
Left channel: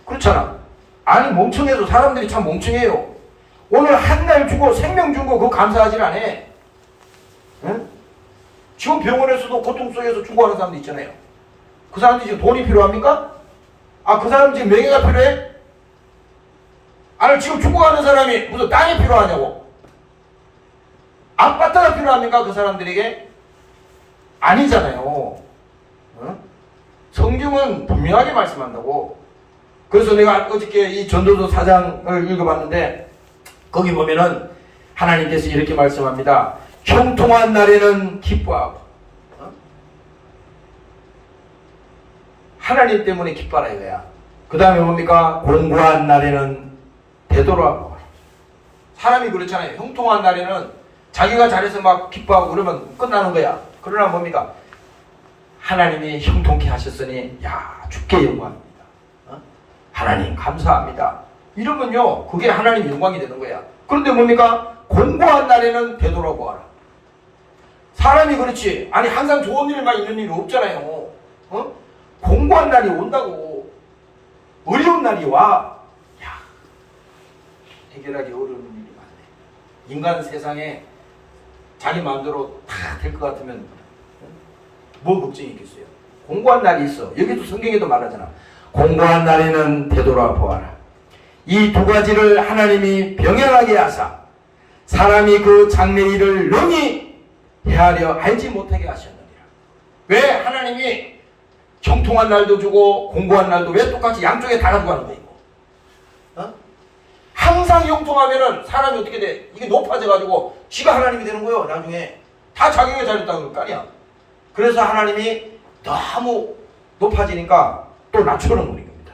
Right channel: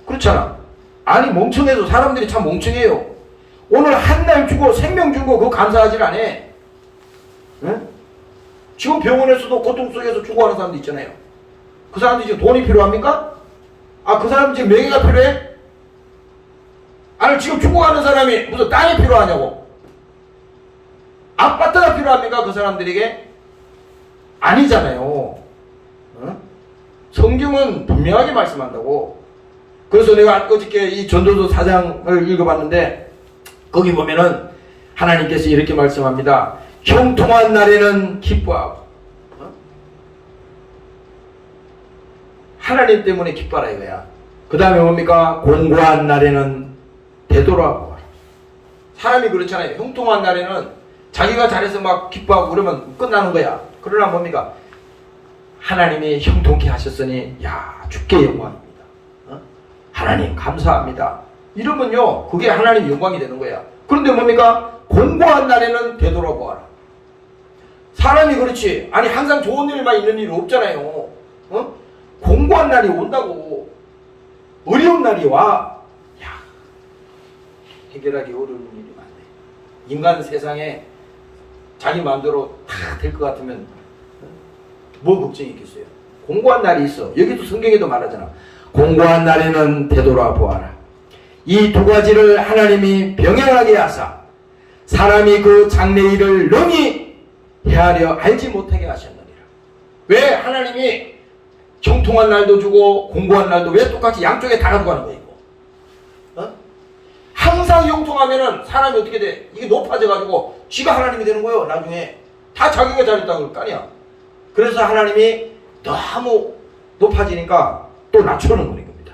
그렇잖아. 아니 멍청해도 사람들이 참 멍청해요. 오늘 한 날 주고 생명 준 거 그거 감사하진 않아. 응? 지금 병원에서도 고통 속에서 죽어가는 사람도 있잖아요. 그 사람들이 지금 돈이 필요합니까? 아, 그 사람 지금 명예가 필요해? 아니 지금 죽어가는 사람이 무슨 땅이 필요하냐고. 아파트가 필요합니까? 그 사람들에게? 아니잖아요. 응? 성경은 분명하게 말씀한다고. 그래서 내가 어저께 이 전도서 4장을 읽어봤는데 거기 보면은 하나님께서 이렇게 말씀합니다. 형통한 날에는 기뻐하고 하나님 때문에 기뻐하라 이거야. 그 다음에 뭡니까? 공고한 날에는 되돌아보라. 사람이 그렇잖아요. 형통한 날에는 자기가 잘해서 막 기뻐하고 그러면 끝나는 거야. 그러나 뭡니까? 하나님이 형통케 하셨으니 야 주께 영광입니다. 하나님 감사합니다. 이러면요 그게 하나님 영광이 되는 거야. 그런데 뭡니까? 공고한 날에는 되돌아보아라. 사람이 그렇지. 아니 항상 좋은 일만 있는 일이 없잖아요. 공고한 날이 온다고. 어려운 날이 와. 야, 해결하기 어려운 일이 많네. 인간 세상에 자기 마음대로 다 될 것 같으면 뭐 걱정이 있겠어요. 공고한 날이 있어. 여기도 성경에도 말하잖아. 공고한 날에는 되돌아보아라. 이 두 가지를 하나님이 병행하게 하사 사람이 그 장래일을 능히 헤아려 알지 못하게 하셨느니라. 왜 하나님이 형통한 날도 주고 공고한 날도 왜 똑같이 양쪽에 다 가져가는 거예요? 항상 형통하면은 사람이 어떻게 돼? 이게 높아져가지고 지가 하나님이 되는 거예요. 나중에 다 자기가 잘했다고 그럴 거 아니야. 그래서 하나님이 너무 높아지니까 또 낮추는 겁니다.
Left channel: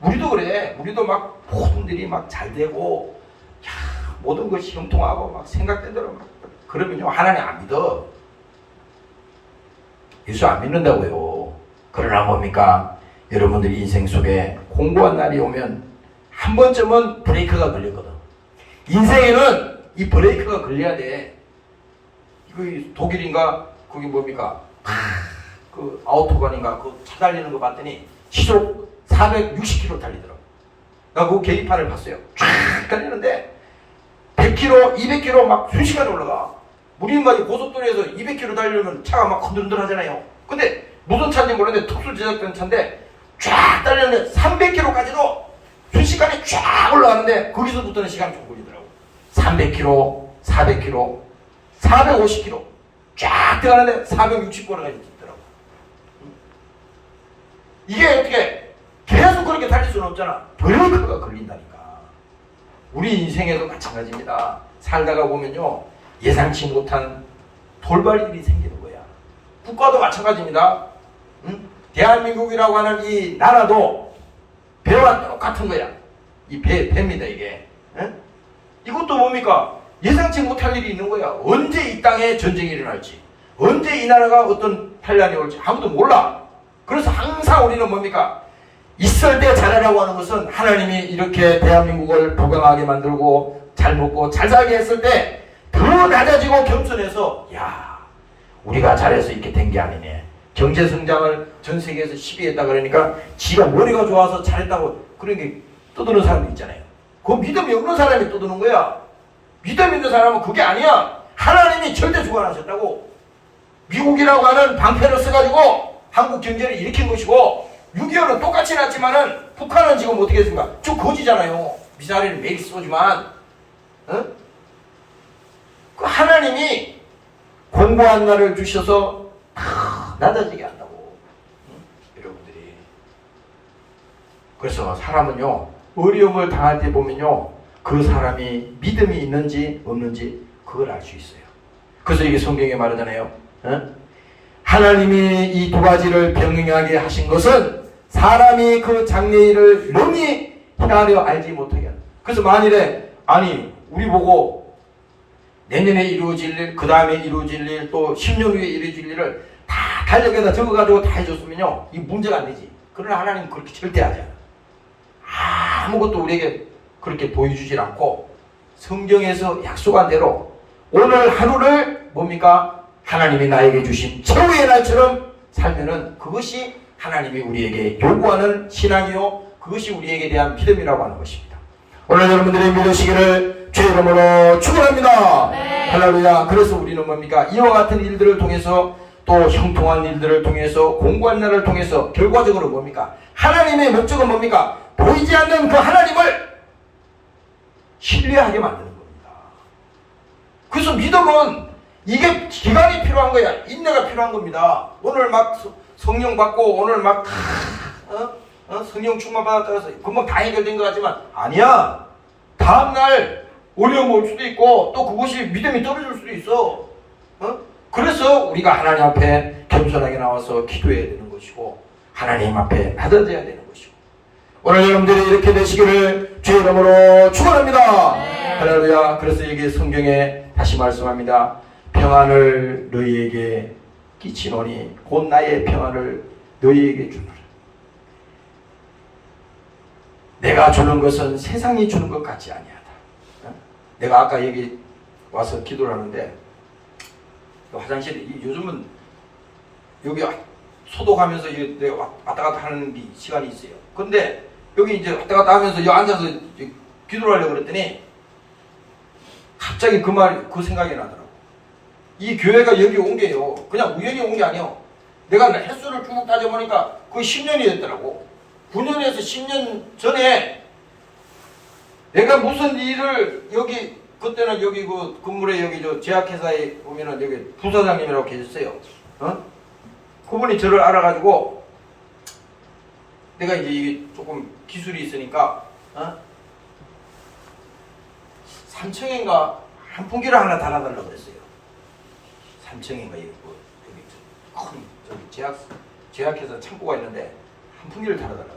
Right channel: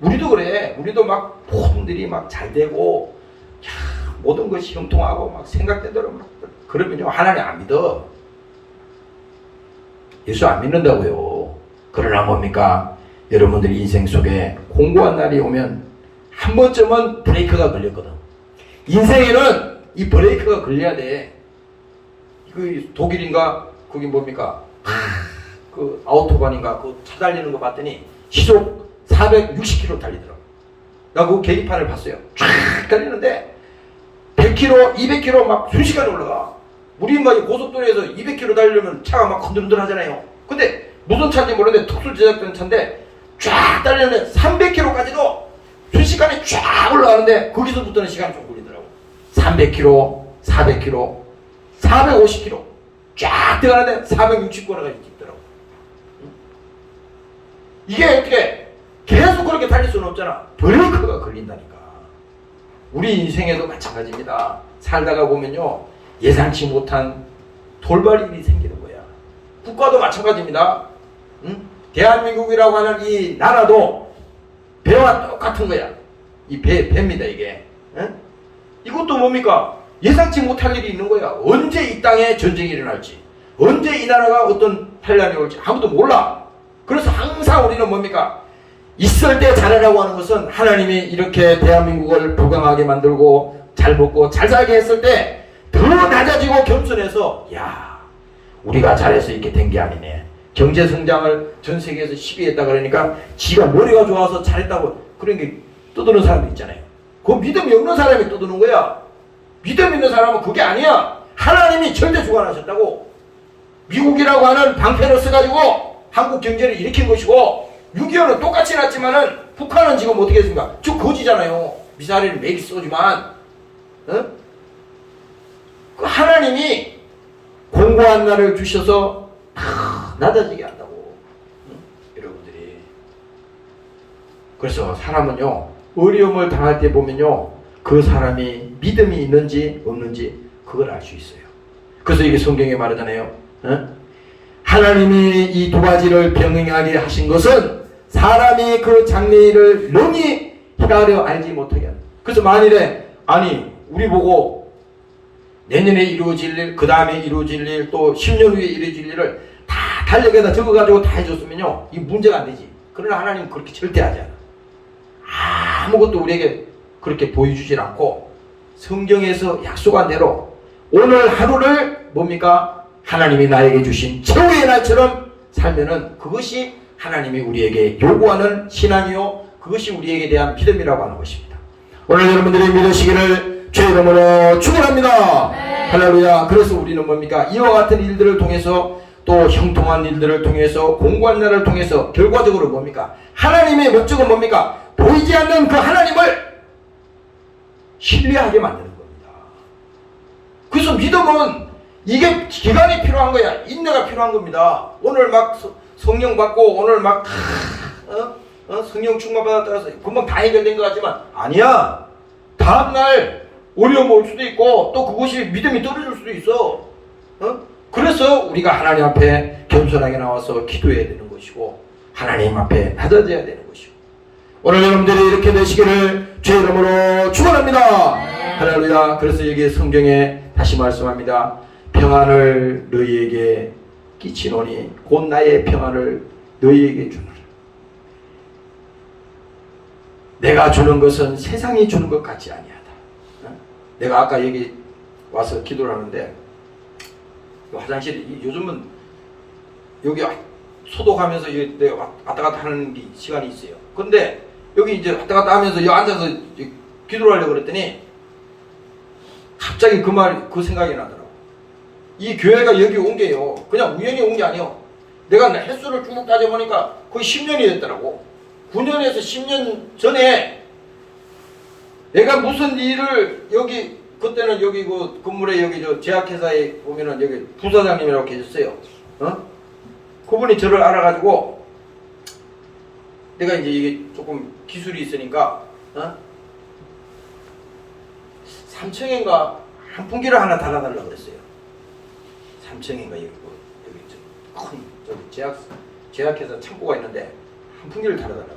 우리도 그래. 우리도 막 모든 일이 막 잘 되고 야, 모든 것이 형통하고 막 생각된 대로 막 그러면요 하나님 안 믿어. 예수 안 믿는다고요. 그러나 뭡니까? 여러분들 인생 속에 공고한 날이 오면 한 번쯤은 브레이크가 걸렸거든. 인생에는 이 브레이크가 걸려야 돼. 그 독일인가 그게 뭡니까? 그 아우토반인가 그 차 달리는 거 봤더니 시속 460km 달리더라고. 나 그 계기판을 봤어요. 쫙 달리는데 100km, 200km 막 순식간에 올라가. 우리 막 고속도로에서 200km 달리려면 차가 막 흔들흔들 하잖아요. 근데 무슨 차인지 모르는데 특수 제작된 차인데 쫙 달리는데 300km까지도 순식간에 쫙 올라가는데 거기서부터는 시간이 좀 걸리더라고. 300km, 400km, 450km 쫙 들어가는데 460km까지 찍더라고. 이게 어떻게 없잖아. 브레이크가 걸린다니까. 우리 인생에도 마찬가지입니다. 살다가 보면요, 예상치 못한 돌발 일이 생기는 거야. 국가도 마찬가지입니다. 응? 대한민국이라고 하는 이 나라도 배와 똑같은 거야. 이 배입니다, 이게. 응? 이것도 뭡니까? 예상치 못할 일이 있는 거야. 언제 이 땅에 전쟁이 일어날지, 언제 이 나라가 어떤 환란이 올지 아무도 몰라. 그래서 항상 우리는 뭡니까? 있을 때 잘하라고 하는 것은 하나님이 이렇게 대한민국을 부강하게 만들고 잘 먹고 잘 살게 했을 때 더 낮아지고 겸손해서, 야, 우리가 잘해서 이렇게 된 게 아니네. 경제 성장을 전 세계에서 10위 했다 그러니까 지가 머리가 좋아서 잘했다고 그런 게 떠드는 사람도 있잖아요. 그 믿음이 없는 사람이 떠드는 거야. 믿음 있는 사람은 그게 아니야. 하나님이 절대 주관하셨다고. 미국이라고 하는 방패를 써가지고 한국 경제를 일으킨 것이고, 6.25는 똑같이 났지만은 북한은 지금 어떻게 했습니까? 저 거지잖아요. 미사일을 매일 쏘지만, 응? 그 하나님이 공고한 날을 주셔서 낮아지게 한다고. 응? 여러분들이. 그래서 사람은요, 어려움을 당할 때 보면요, 그 사람이 믿음이 있는지 없는지 그걸 알 수 있어요. 그래서 이게 성경에 말하잖아요. 응? 하나님이 이 두 가지를 병행하게 하신 것은 사람이 그 장래일을 능히 헤아려 알지 못하게 한다. 그래서 만일에, 아니, 우리 보고 내년에 이루어질 일, 그 다음에 이루어질 일, 또 10년 후에 이루어질 일을 다 달력에다 적어가지고 다 해줬으면요, 이 문제가 안 되지. 그러나 하나님은 그렇게 절대 하지 않아. 아무것도 우리에게 그렇게 보여주질 않고, 성경에서 약속한 대로 오늘 하루를 뭡니까? 하나님이 나에게 주신 최후의 날처럼 살면은 그것이 하나님이 우리에게 요구하는 신앙이요, 그것이 우리에게 대한 믿음이라고 하는 것입니다. 오늘 여러분들이 믿으시기를 주의 이름으로 축원합니다. 네. 할렐루야. 그래서 우리는 뭡니까? 이와 같은 일들을 통해서, 또 형통한 일들을 통해서, 공고한 날을 통해서 결과적으로 뭡니까? 하나님의 목적은 뭡니까? 보이지 않는 그 하나님을 신뢰하게 만드는 겁니다. 그래서 믿음은 이게 기간이 필요한 거야. 인내가 필요한 겁니다. 오늘 막 성령 받고, 오늘 막 성령 충만 받았다고 해서 금방 다 해결된 것 같지만 아니야. 다음날 어려움 올 수도 있고, 또 그것이 믿음이 떨어질 수도 있어. 그래서 우리가 하나님 앞에 겸손하게 나와서 기도해야 되는 것이고, 하나님 앞에 낮아져야 되는 것이고, 오늘 여러분들이 이렇게 되시기를 주의 이름으로 축원합니다. 네. 할렐루야. 그래서 이게 성경에 다시 말씀합니다. 평안을 너희에게 끼치노니 곧 나의 평안을 너희에게 주노라. 내가 주는 것은 세상이 주는 것 같지 아니하다. 내가 아까 여기 와서 기도를 하는데, 화장실, 요즘은 여기 소독하면서 내가 왔다 갔다 하는 시간이 있어요. 근데 여기 이제 왔다 갔다 하면서 여기 앉아서 기도를 하려고 그랬더니 갑자기 그 생각이 나더라고. 이 교회가 여기 온 게요, 그냥 우연히 온 게 아니에요. 내가 횟수를 쭉 따져보니까 거의 10년이 됐더라고. 9년에서 10년 전에 내가 무슨 일을, 여기 그때는 여기 그 건물에 여기 저 제약회사에 보면은 여기 부사장님이라고 계셨어요. 그분이 저를 알아가지고, 내가 이제 이게 조금 기술이 있으니까 3층인가 한 풍기를 하나 달아달라고 그랬어요. 3층인가 이거 여기 큰 저기 제약회사 창고가 있는데 한 풍기를 달아달라고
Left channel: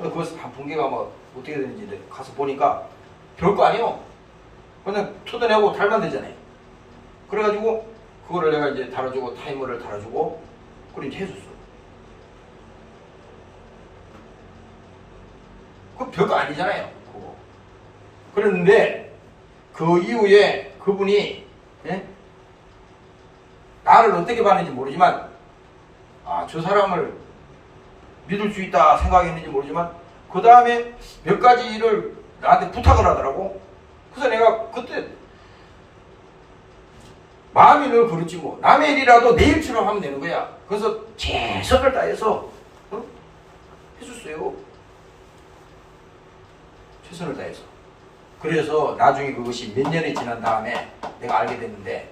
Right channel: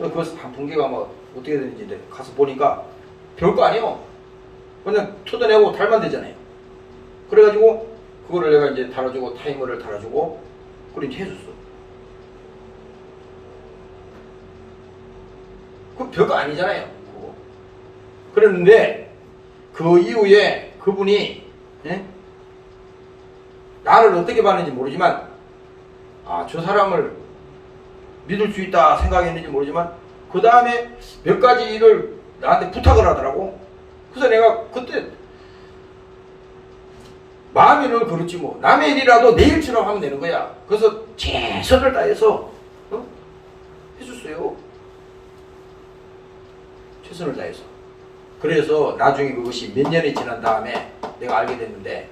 했어요. 그래서 한 풍기가 뭐 어떻게 되는지 가서 보니까 별거 아니에요. 그냥 뜯어내고 달면 되잖아요. 그래가지고 그거를 내가 이제 달아주고, 타이머를 달아주고 그렇게 해줬어. 그 별거 아니잖아요. 그거. 그랬는데 그 이후에 그분이 나를 어떻게 봤는지 모르지만, 저 사람을 믿을 수 있다 생각했는지 모르지만 그 다음에 몇 가지 일을 나한테 부탁을 하더라고. 그래서 내가 그때 마음이 늘 그렇지 뭐, 남의 일이라도 내 일처럼 하면 되는 거야. 그래서 최선을 다해서 해줬어요. 최선을 다해서. 그래서 나중에 그것이 몇 년이 지난 다음에 내가 알게 됐는데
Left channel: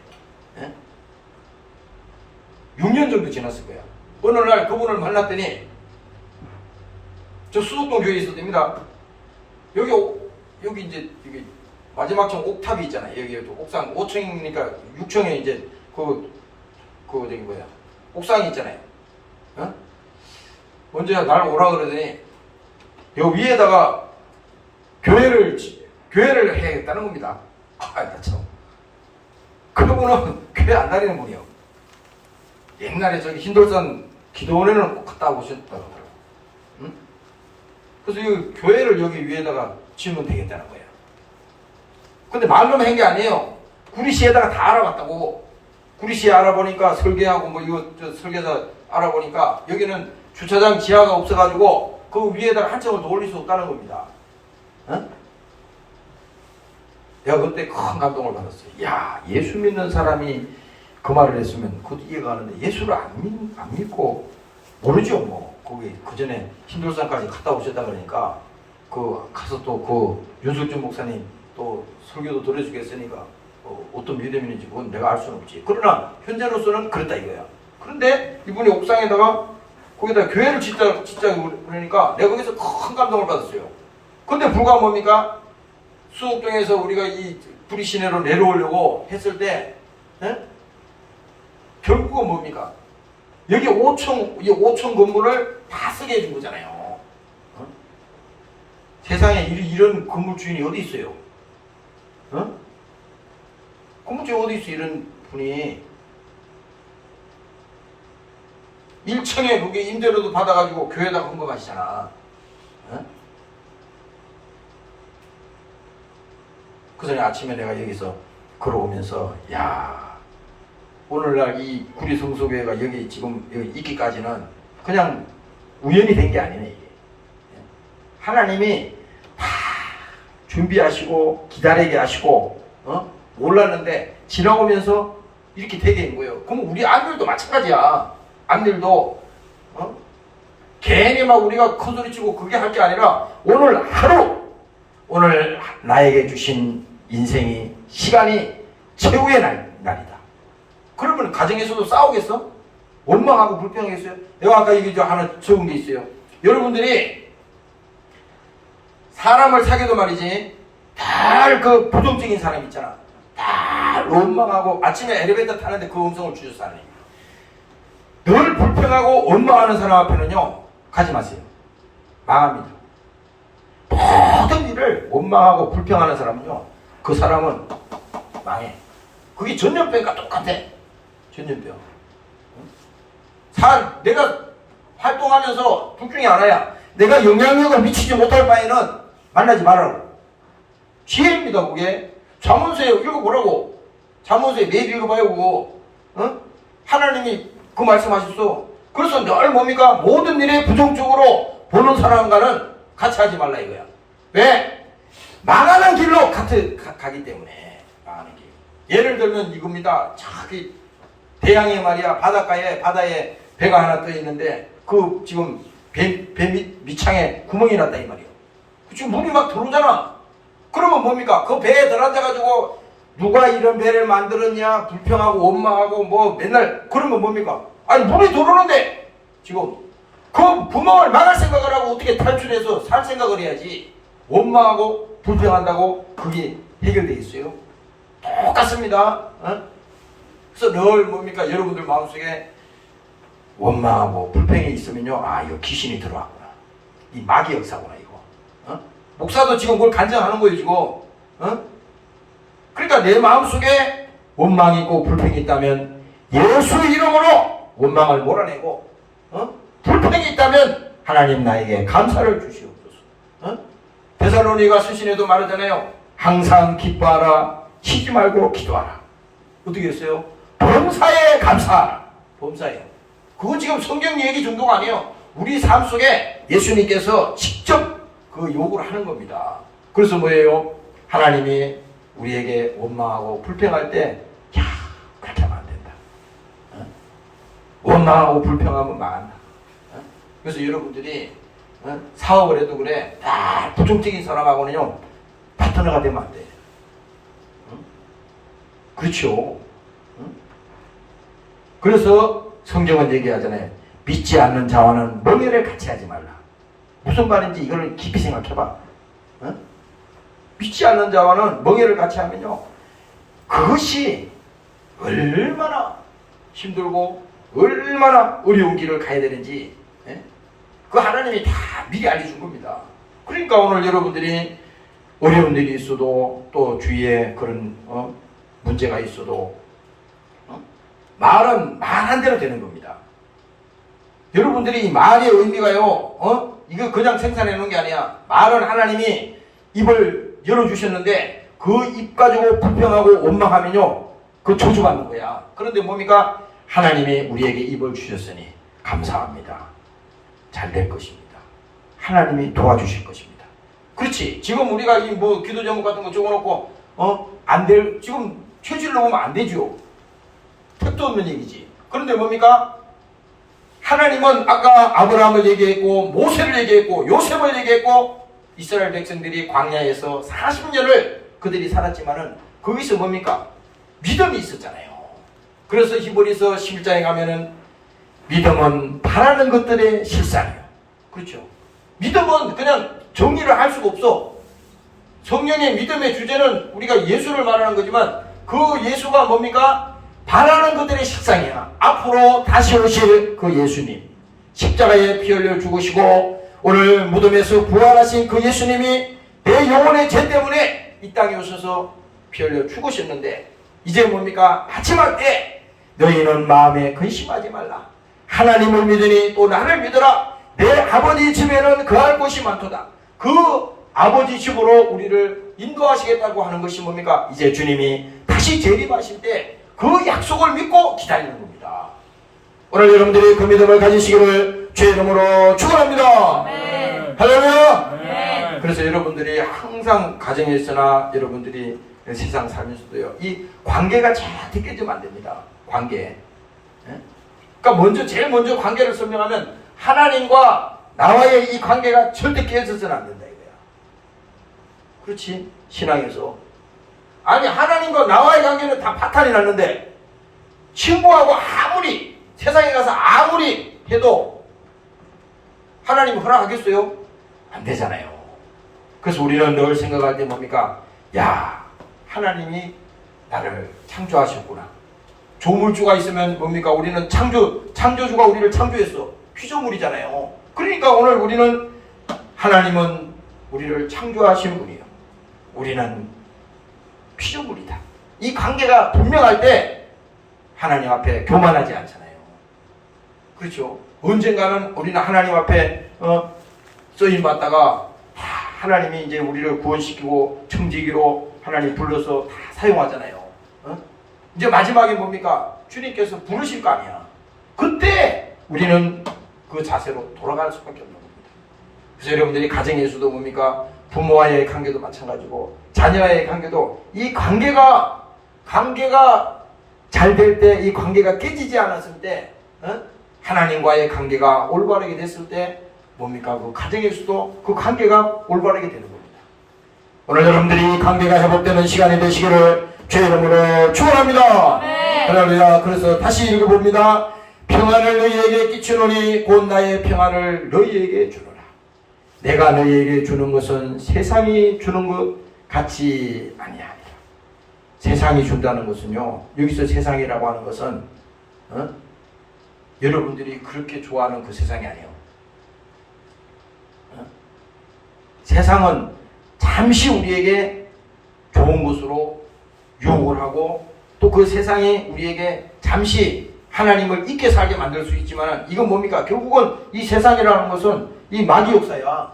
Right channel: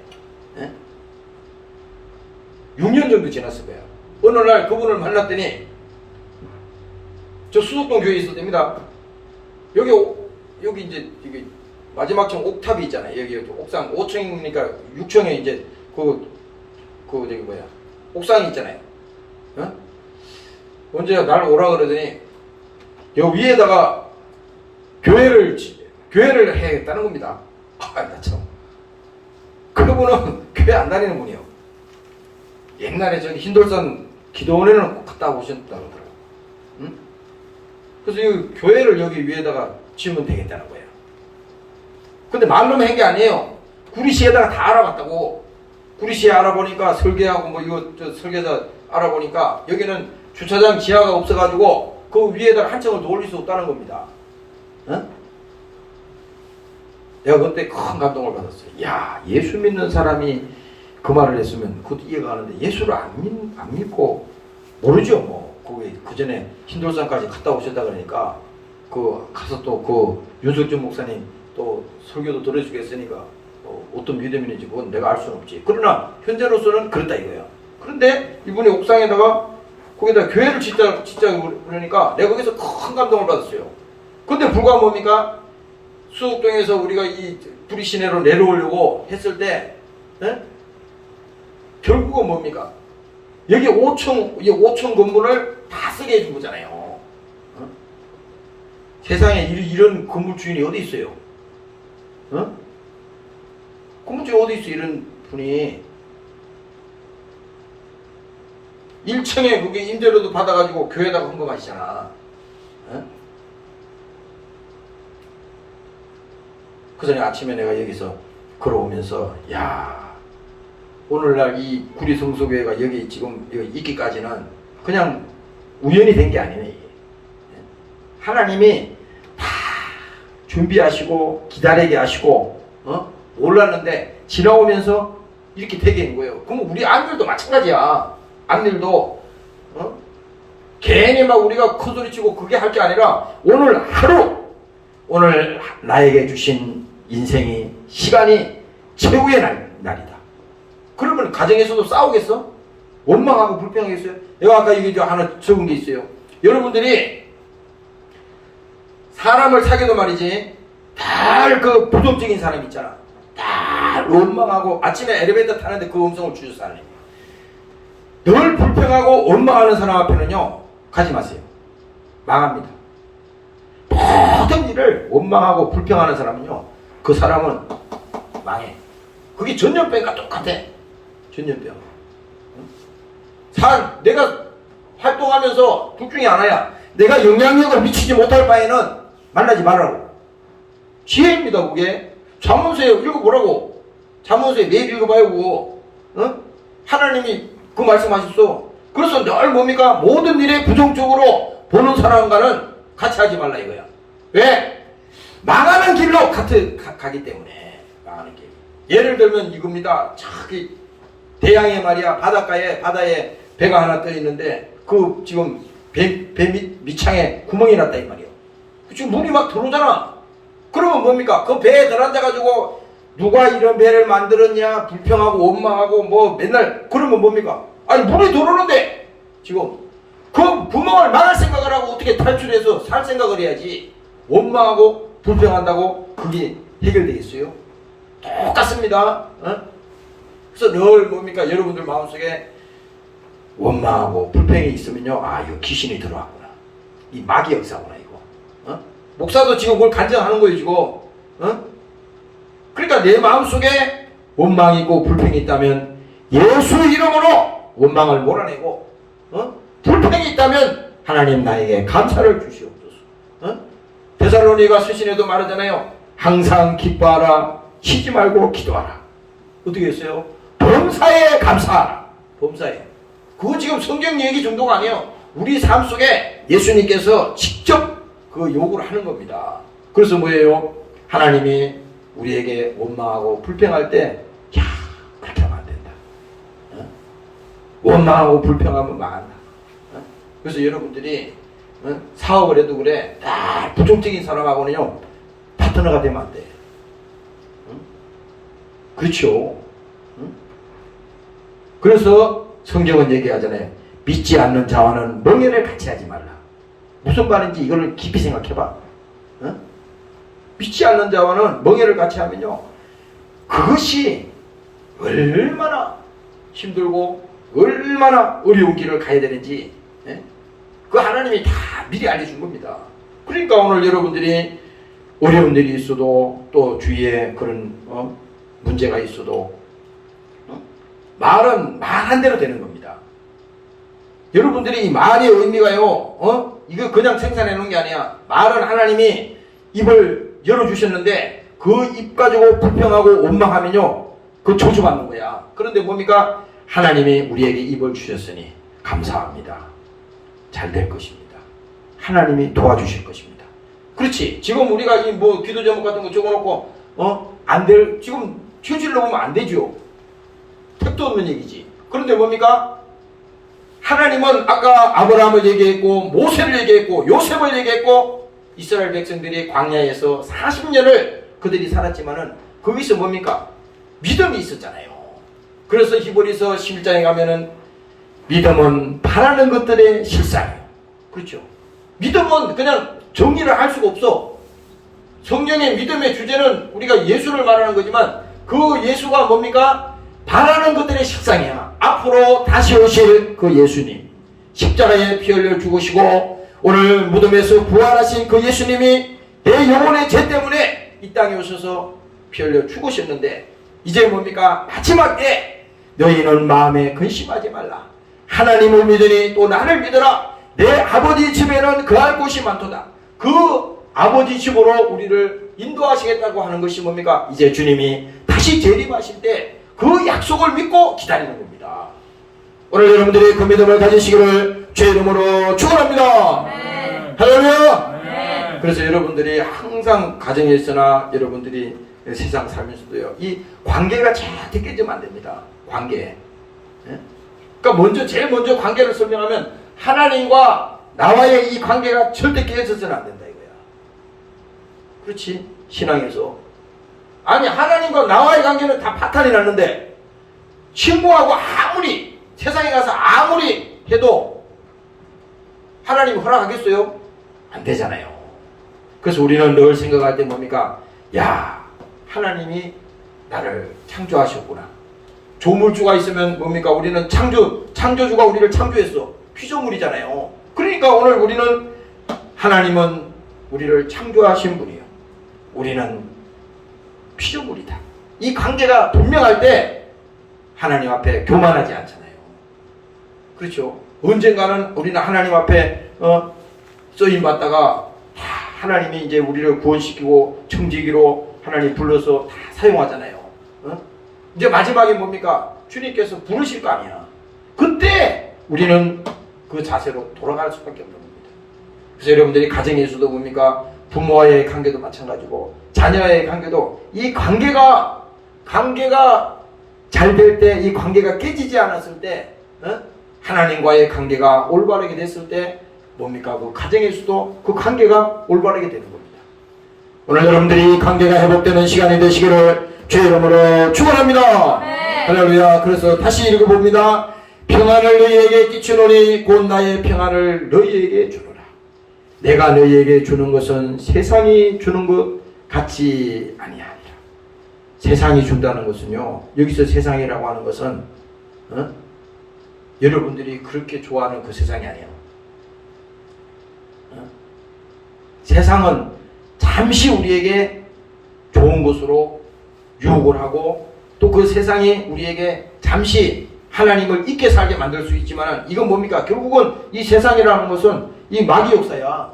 6년 정도 지났을 거예요. 어느 날 그분을 만났더니 저 수석동 교회에 있을 때입니다. 여기 이제 여기 마지막 층 옥탑이 있잖아요. 여기 옥상 5층이니까 6층에 이제 저기 뭐야 옥상이 있잖아요. 어? 언제 날 오라 그러더니 여기 위에다가 교회를 해야겠다는 겁니다. 나 참. 그분은 교회 안 다니는 분이요. 옛날에 저기 흰돌산 기도원에는 갔다 오셨다고 그러더라고요. 응? 그래서 이 교회를 여기 위에다가 지으면 되겠다는 거예요. 근데 말로만 한 게 아니에요. 구리시에다가 다 알아봤다고. 구리시에 알아보니까 설계하고 뭐 이거 저 설계사 알아보니까 여기는 주차장 지하가 없어가지고 그 위에다가 한 층을 더 올릴 수 없다는 겁니다. 응? 내가 그때 큰 감동을 받았어요. 야, 예수 믿는 사람이 그 말을 했으면 그것도 이해가 가는데 예수를 안 믿고 모르죠 뭐. 거기 그 전에 흰돌산까지 갔다 오셨다 그러니까 그 가서 또 그 윤석준 목사님 또 설교도 들어주겠으니까 어떤 믿음인지 그건 내가 알 수는 없지. 그러나 현재로서는 그렇다 이거야. 그런데 이분이 옥상에다가 거기다 교회를 짓자 그러니까 내가 거기서 큰 감동을 받았어요. 근데 불과 뭡니까? 수옥동에서 우리가 이 부리시내로 내려오려고 했을 때 결국은 뭡니까? 여기 5층 건물을 다 쓰게 해준 거잖아요. 세상에 이런 건물 주인이 어디 있어요? 건물 주인 어디 있어? 이런 분이 1층에 그게 임대료도 받아가지고 교회에다가 헌금하시잖아. 그 전에 아침에 내가 여기서 걸어오면서 야, 오늘날 이 구리성소교회가 여기 지금 여기 있기까지는 그냥 우연이 된 게 아니네. 이게. 하나님이 다 준비하시고 기다리게 하시고 몰랐는데 지나오면서 이렇게 되게 된 거예요. 그럼 우리 아들도 마찬가지야. 아들도 괜히 막 우리가 큰소리치고 그게 할 게 아니라 오늘 하루 오늘 나에게 주신 인생이 시간이 최고의 날이다. 그러면 가정에서도 싸우겠어? 원망하고 불평하겠어요? 내가 아까 얘기 하나 적은 게 있어요. 여러분들이 사람을 사귀도 말이지 달 그 부정적인 사람 있잖아. 달 원망하고 아침에 엘리베이터 타는데 그 음성을 주셔서 하는 늘 불평하고 원망하는 사람 앞에는요 가지 마세요. 망합니다. 모든 일을 원망하고 불평하는 사람은요 그 사람은 망해. 그게 전염병과 똑같아. 전염병. 내가 활동하면서 둘 중에 하나야. 내가 영향력을 미치지 못할 바에는 만나지 말라고. 지혜입니다 그게. 잠언서에 읽어보라고. 잠언서에 매일 읽어봐요 그거. 하나님이 그 말씀하셨어. 그래서 늘 뭡니까? 모든 일에 부정적으로 보는 사람과는 같이 하지 말라 이거야. 왜? 망하는 길로 가기 때문에. 망하는 길. 예를 들면 이겁니다. 저기 대양에 말이야 바다에 배가 하나 떠 있는데 그 지금 배 밑창에 구멍이 났다 이 말이야. 지금 물이 막 들어오잖아. 그러면 뭡니까? 그 배에 들어앉아가지고 누가 이런 배를 만들었냐 불평하고 원망하고 뭐 맨날 그러면 뭡니까? 아니 물이 들어오는데 지금 그 구멍을 막을 생각을 하고 어떻게 탈출해서 살 생각을 해야지. 원망하고 불평한다고 그게 해결되어 있어요? 똑같습니다. 그래서 늘 뭡니까? 여러분들 마음속에 원망하고 불평이 있으면요 이거 귀신이 들어왔구나. 이 마귀 역사구나 이거. 목사도 지금 그걸 간증하는 거예요 지금. 그러니까 내 마음속에 원망이 있고 불평이 있다면 예수 이름으로 원망을 몰아내고 불평이 있다면 하나님 나에게 감사를 주시옵소서. 데살로니가 서신에도 말하잖아요. 항상 기뻐하라. 쉬지 말고 기도하라. 어떻게 했어요? 범사에 감사하라. 범사에. 그거 지금 성경 얘기 정도가 아니에요. 우리 삶 속에 예수님께서 직접 그 요구를 하는 겁니다. 그래서 뭐예요? 하나님이 우리에게 원망하고 불평할 때 그렇게 하면 안 된다. 원망하고 불평하면 망한다. 그래서 여러분들이 사업을 해도 그래. 부정적인 사람하고는요 파트너가 되면 안 돼. 그렇죠. 그래서 성경은 얘기하잖아요. 믿지 않는 자와는 멍에를 같이 하지 말라. 무슨 말인지 이걸 깊이 생각해봐. 어? 믿지 않는 자와는 멍에를 같이 하면요, 그것이 얼마나 힘들고 얼마나 어려운 길을 가야 되는지, 예? 그 하나님이 다 미리 알려준 겁니다. 그러니까 오늘 여러분들이 어려운 일이 있어도, 또 주위에 그런 문제가 있어도 말은 말한 대로 되는 겁니다. 여러분들이 이 말의 의미가요, 이거 그냥 생산해 놓은 게 아니야. 말은 하나님이 입을 열어주셨는데 그 입 가지고 불평하고 원망하면요, 그 저주받는 거야. 그런데 뭡니까? 하나님이 우리에게 입을 주셨으니 감사합니다. 잘 될 것입니다. 하나님이 도와주실 것입니다. 그렇지. 지금 우리가 이 뭐 기도 제목 같은 거 적어놓고 안 될, 지금 현실로 보면 안 되죠. 택도 없는 얘기지. 그런데 뭡니까? 하나님은 아까 아브라함을 얘기했고, 모세를 얘기했고, 요셉을 얘기했고, 이스라엘 백성들이 광야에서 40년을 그들이 살았지만은 거기서 뭡니까? 믿음이 있었잖아요. 그래서 히브리서 11장에 가면은 믿음은 바라는 것들의 실상이에요. 그렇죠? 믿음은 그냥 정의를 할 수가 없어. 성경의 믿음의 주제는 우리가 예수를 말하는 거지만 그 예수가 뭡니까? 바라는 것들의 실상이야. 앞으로 다시 오실 그 예수님, 십자가에 피 흘려 죽으시고 오늘 무덤에서 부활하신 그 예수님이 내 영혼의 죄 때문에 이 땅에 오셔서 피 흘려 죽으셨는데, 이제 뭡니까? 마지막 때 너희는 마음에 근심하지 말라. 하나님을 믿으니 또 나를 믿어라. 내 아버지 집에는 거할 곳이 많도다. 그 아버지 집으로 우리를 인도하시겠다고 하는 것이 뭡니까? 이제 주님이 다시 재림하실 때 그 약속을 믿고 기다리는 겁니다. 오늘 여러분들이 그 믿음을 가지시기를 주의 이름으로 축원합니다. 할렐루야. 그래서 여러분들이 항상 가정에서나 여러분들이 세상 살면서도요, 이 관계가 절대 깨지면 안 됩니다. 관계. 그러니까 제일 먼저 관계를 설명하면 하나님과 나와의 이 관계가 절대 깨져서는 안 된다 이거야. 그렇지? 신앙에서. 아니, 하나님과 나와의 관계는 다 파탄이 났는데 친구하고 아무리 세상에 가서 아무리 해도 하나님 허락하겠어요? 안 되잖아요. 그래서 우리는 늘 생각할 때 뭡니까? 야, 하나님이 나를 창조하셨구나. 조물주가 있으면 뭡니까? 우리는 창조주가 우리를 창조했어. 피조물이잖아요. 그러니까 오늘 우리는, 하나님은 우리를 창조하신 분이에요. 우리는 피조물이다. 이 관계가 분명할 때 하나님 앞에 교만하지 않잖아요. 그렇죠? 언젠가는 우리는 하나님 앞에 쓰임 받다가 하나님이 이제 우리를 구원시키고 청지기로 하나님 불러서 다 사용하잖아요. 이제 마지막에 뭡니까? 주님께서 부르실 거 아니야. 그때 우리는 그 자세로 돌아갈 수밖에 없는 겁니다. 그래서 여러분들이 가정에서도 뭡니까? 부모와의 관계도 마찬가지고 자녀와의 관계도, 이 관계가 잘 될 때, 이 관계가 깨지지 않았을 때, 하나님과의 관계가 올바르게 됐을 때 뭡니까? 그 가정에서도 그 관계가 올바르게 되는 겁니다. 오늘 여러분들이 관계가 회복되는 시간이 되시기를 주의 이름으로 축원합니다. 할렐루야. 그래서 다시 읽어봅니다. 평안을 너희에게 끼치노니 곧 나의 평안을 너희에게 주노라. 내가 너희에게 주는 것은 세상이 주는 것 같지 아니하니라. 세상이 준다는 것은요, 여기서 세상이라고 하는 것은 여러분들이 그렇게 좋아하는 그 세상이 아니에요. 세상은 잠시 우리에게 좋은 것으로 유혹을 하고, 또 그 세상이 우리에게 잠시 하나님을 잊게 살게 만들 수 있지만, 이건 뭡니까? 결국은 이 세상이라는 것은 이 마귀 역사야.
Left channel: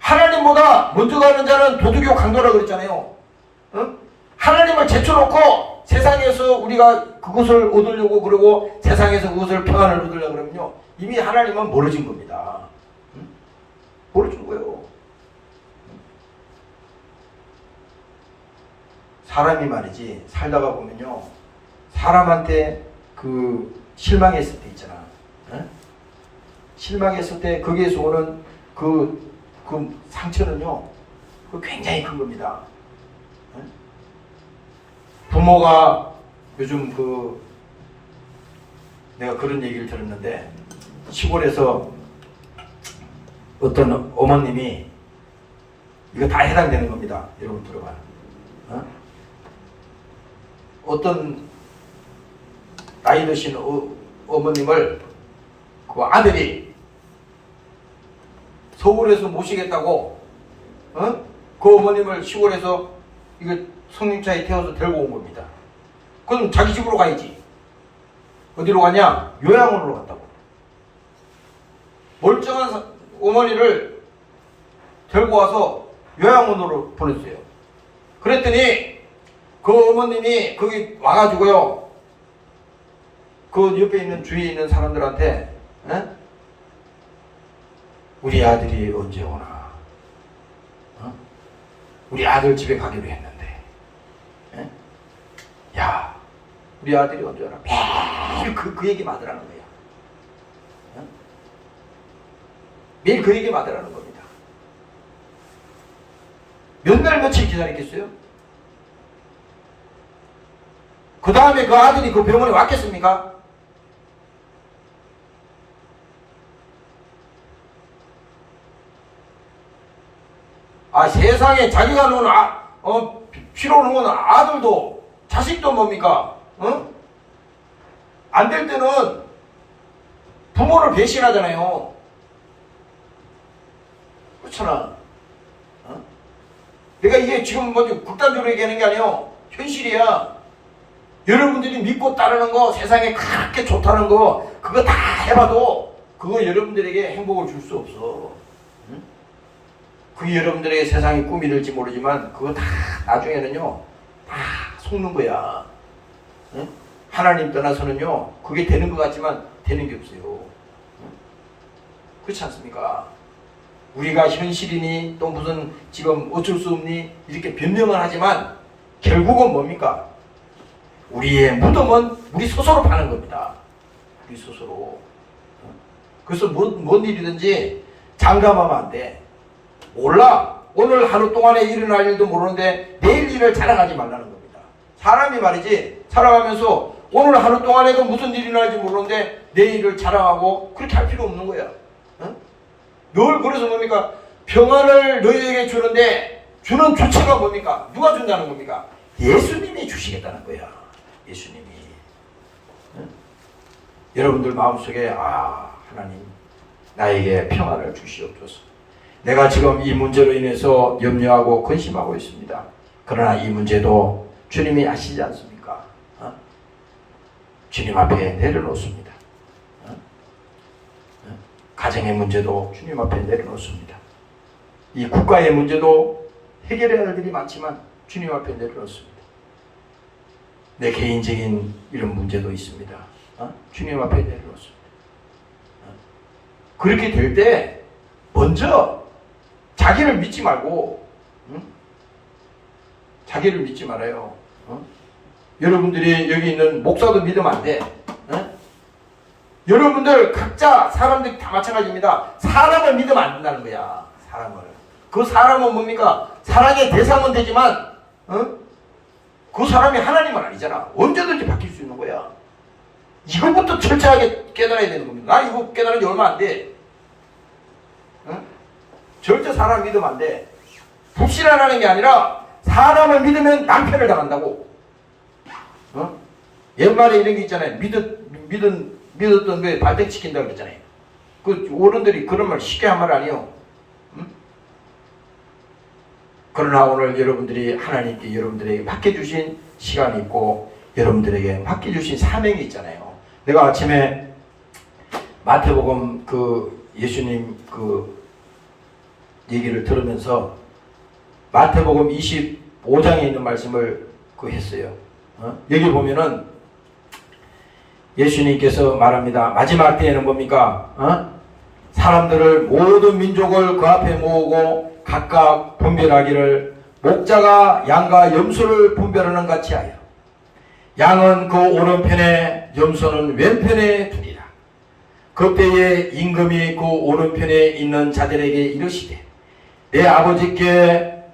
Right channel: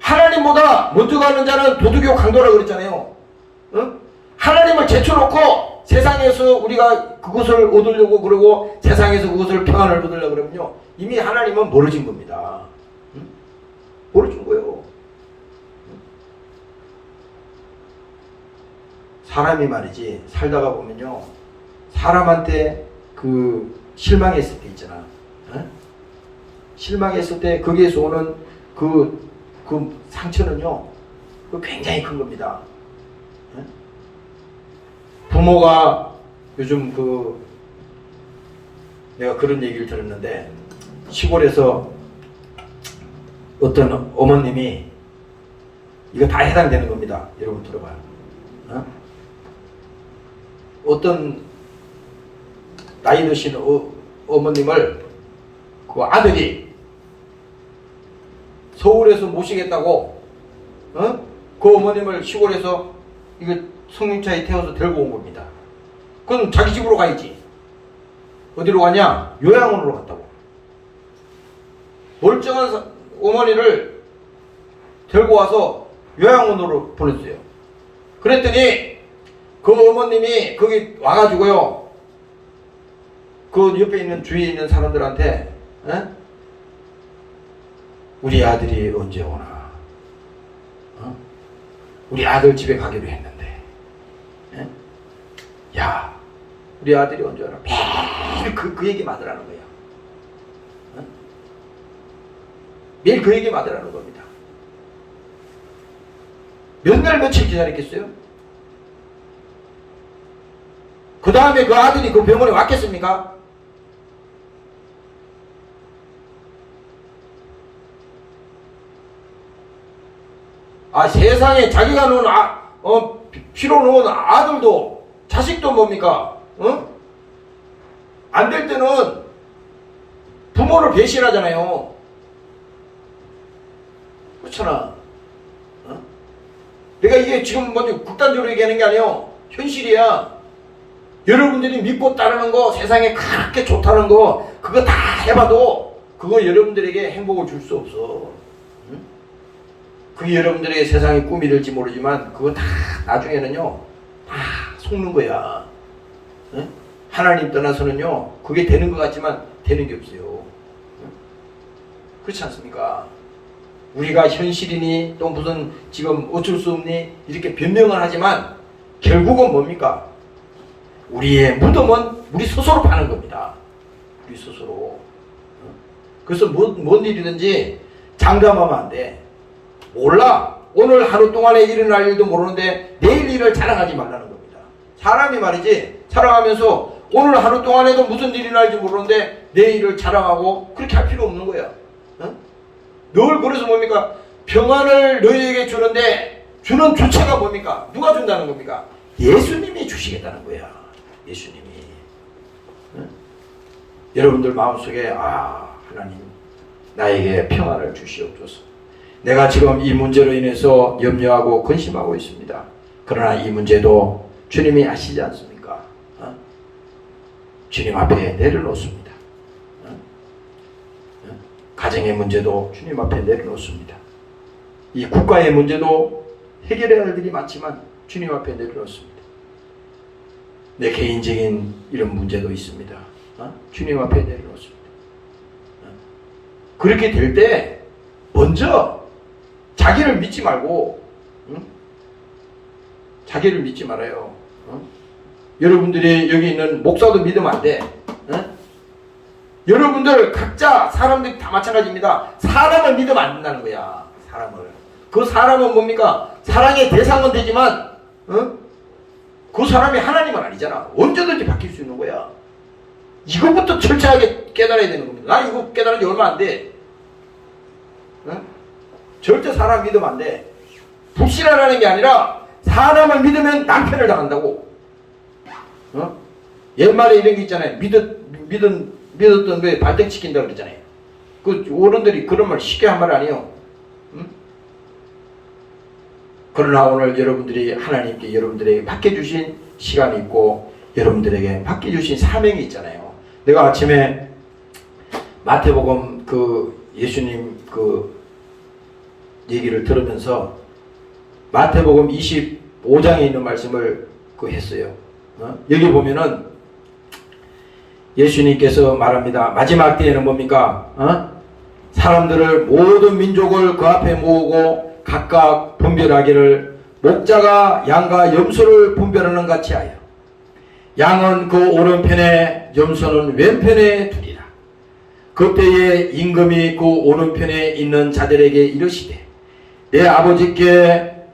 하나님보다 먼저 가는 자는 도둑이고 강도라고 그랬잖아요. 하나님을 제쳐놓고 세상에서 우리가 그것을 얻으려고 그러고 세상에서 그것을 평안을 얻으려고 그러면요, 이미 하나님은 멀어진 겁니다. 멀어진 거예요. 사람이 말이지, 살다가 보면요, 사람한테 그 실망했을 때 있잖아. 실망했을 때 거기에서 오는 그 상처는요, 그 굉장히 큰 겁니다. 부모가 요즘 내가 그런 얘기를 들었는데, 시골에서 어떤 어머님이 이거 다 해당되는 겁니다. 여러분 들어봐요. 어떤 나이 드신 어머님을 그 아들이 서울에서 모시겠다고 그 어머님을 시골에서 이거 성림차에 태워서 데리고 온 겁니다. 그럼 자기 집으로 가야지. 어디로 가냐? 요양원으로 갔다고. 멀쩡한 어머니를 데리고 와서 요양원으로 보냈어요. 그랬더니 그 어머님이 거기 와가지고요, 그 옆에 있는 주위에 있는 사람들한테 우리 아들이 언제 오나, 우리 아들 집에 가기로 했는데, 야, 우리 아들이 언제 오나, 매일 그 얘기만 하더라는 거야. 매일 그 얘기만 하더라는 겁니다. 몇 날 며칠 기다렸겠어요? 그 다음에 그 아들이 그 병원에 왔겠습니까? 세상에 자기가 놓은 피로 놓은 아들도 자식도 뭡니까? 안 될 때는 부모를 배신하잖아요. 그렇잖아. 내가 이게 지금 극단적으로 얘기하는 게 아니에요. 현실이야. 여러분들이 믿고 따르는 거, 세상에 그렇게 좋다는 거, 그거 다 해봐도 그거 여러분들에게 행복을 줄 수 없어. 그게 여러분들의 세상의 꿈이 될지 모르지만 그거 다 나중에는요 다 속는 거야. 하나님 떠나서는요 그게 되는 것 같지만 되는 게 없어요. 그렇지 않습니까? 우리가 현실이니 또 무슨 지금 어쩔 수 없니 이렇게 변명을 하지만 결국은 뭡니까? 우리의 무덤은 우리 스스로 파는 겁니다. 우리 스스로. 그래서 뭔 일이든지 장담하면 안 돼. 몰라. 오늘 하루 동안에 일어날 일도 모르는데 내일 일을 자랑하지 말라는 겁니다. 사람이 말이지 살아가면서 오늘 하루 동안에도 무슨 일이 날지 모르는데 내일을 자랑하고 그렇게 할 필요 없는 거야. 늘 그래서 뭡니까? 평안을 너희에게 주는데 주는 주체가 뭡니까? 누가 준다는 겁니까? 예수님이 주시겠다는 거야. 예수님이. 여러분들 마음속에 하나님 나에게 평안을 주시옵소서. 내가 지금 이 문제로 인해서 염려하고 근심하고 있습니다. 그러나 이 문제도 주님이 아시지 않습니까? 주님 앞에 내려놓습니다. 가정의 문제도 주님 앞에 내려놓습니다. 이 국가의 문제도 해결해야 할 일이 많지만 주님 앞에 내려놓습니다. 내 개인적인 이런 문제도 있습니다. 주님 앞에 내려놓습니다. 그렇게 될 때 먼저 자기를 믿지 말고 자기를 믿지 말아요. 여러분들이 여기 있는 목사도 믿으면 안 돼. 여러분들 각자 사람들이 다 마찬가지입니다. 사람을 믿으면 안 된다는 거야. 사람을. 그 사람은 뭡니까? 사랑의 대상은 되지만 그 사람이 하나님은 아니잖아. 언제든지 바뀔 수 있는 거야. 이거부터 철저하게 깨달아야 되는 겁니다. 나 이거 깨달은 지 얼마 안 돼. 절대 사람 믿으면 안 돼. 불신하라는 게 아니라 사람을 믿으면 낭패를 당한다고. 옛말에 이런 게 있잖아요. 믿었던 거에 발등시킨다고 그랬잖아요. 그 어른들이 그런 말 쉽게 한 말 아니에요. 그러나 오늘 여러분들이 하나님께 여러분들에게 맡겨주신 시간이 있고 여러분들에게 맡겨주신 사명이 있잖아요. 내가 아침에 마태복음 예수님 얘기를 들으면서 마태복음 25장에 있는 말씀을 했어요. 여기 보면은 예수님께서 말합니다. 마지막 때에는 뭡니까? 사람들을 모든 민족을 그 앞에 모으고 각각 분별하기를 목자가 양과 염소를 분별하는 같이 하여 양은 그 오른편에 염소는 왼편에 두리라. 그때에 임금이 그 오른편에 있는 자들에게 이르시되 내 아버지께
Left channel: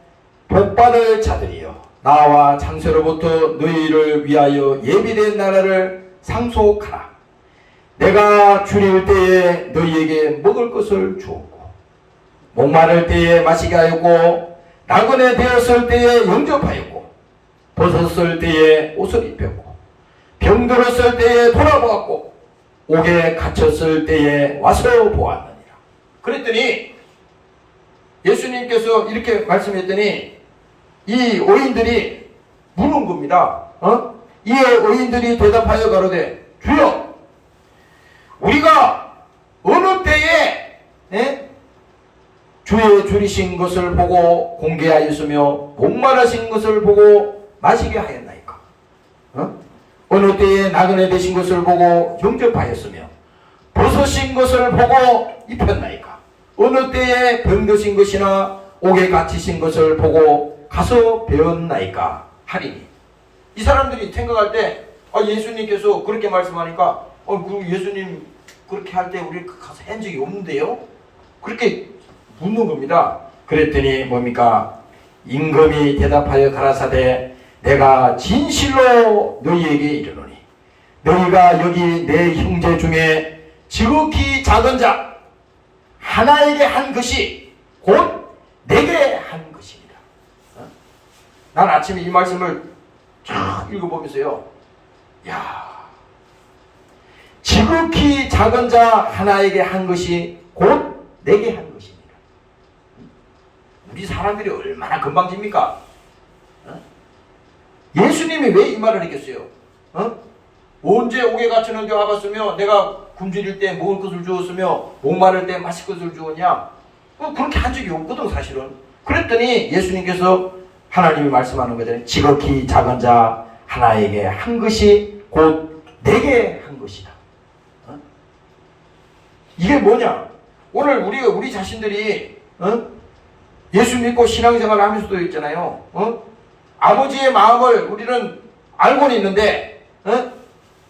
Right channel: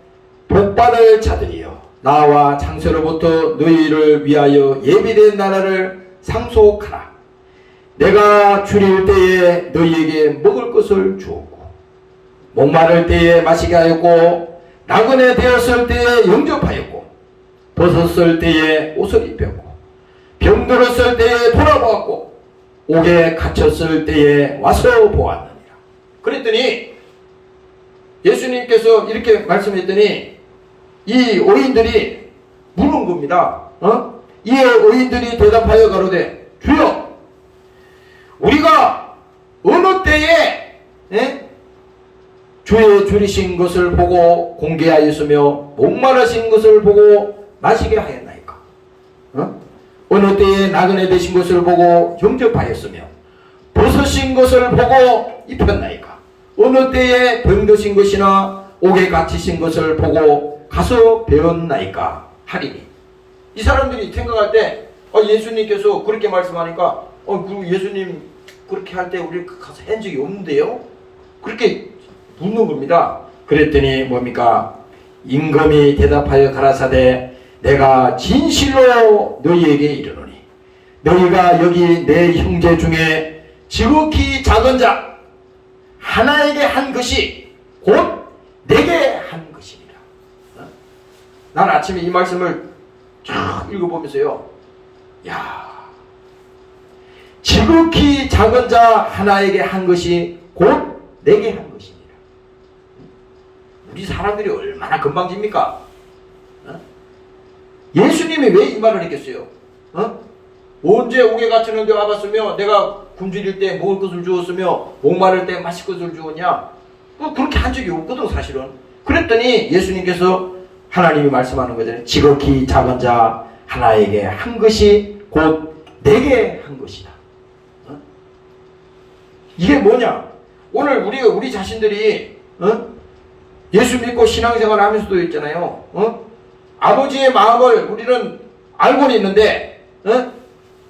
복받을 자들이여 나와 창세로부터 너희를 위하여 예비된 나라를 상속하라. 내가 주릴 때에 너희에게 먹을 것을 주었고 목마를 때에 마시게 하였고 나그네 되었을 때에 영접하였고 벗었을 때에 옷을 입혔고 병들었을 때에 돌아보았고 옥에 갇혔을 때에 와서 보았느니라. 그랬더니 예수님께서 이렇게 말씀했더니 이 어인들이 묻는 겁니다. 이 어인들이 대답하여 가로되 주여 우리가 어느 때에 주의 줄이신 것을 보고 공개하였으며 목마르신 것을 보고 마시게 하였나이까? 어느 때에 나그네 되신 것을 보고 영접하였으며 벗으신 것을 보고 입혔나이까? 어느 때에 병드신 것이나 옥에 갇히신 것을 보고 가서 배웠나이까? 하리니. 이 사람들이 생각할 때 예수님께서 그렇게 말씀하니까 예수님 그렇게 할 때 우리 가서 한 적이 없는데요? 그렇게 묻는 겁니다. 그랬더니 뭡니까? 임금이 대답하여 가라사대 내가 진실로 너희에게 이르노니 너희가 여기 내 형제 중에 지극히 작은 자 하나에게 한 것이 곧 내게 한 것이니라. 난 아침에 이 말씀을 쭉 읽어보면서요, 지극히 작은 자 하나에게 한 것이 곧 내게 한 것이니라. 우리 사람들이 얼마나 건방집니까? 예수님이 왜 이 말을 했겠어요? 언제 옥에 갇혔는데 와봤으며 내가 굶주릴 때 먹을 것을 주었으며 목마를 때 마실 것을 주었냐? 그렇게 한 적이 없거든 사실은. 그랬더니 예수님께서 하나님이 말씀하는 거잖아요. 지극히 작은 자 하나에게 한 것이 곧 내게 한 것이다. 이게 뭐냐? 오늘 우리 자신들이 예수 믿고 신앙생활 하면서도 있잖아요. 아버지의 마음을 우리는 알고는 있는데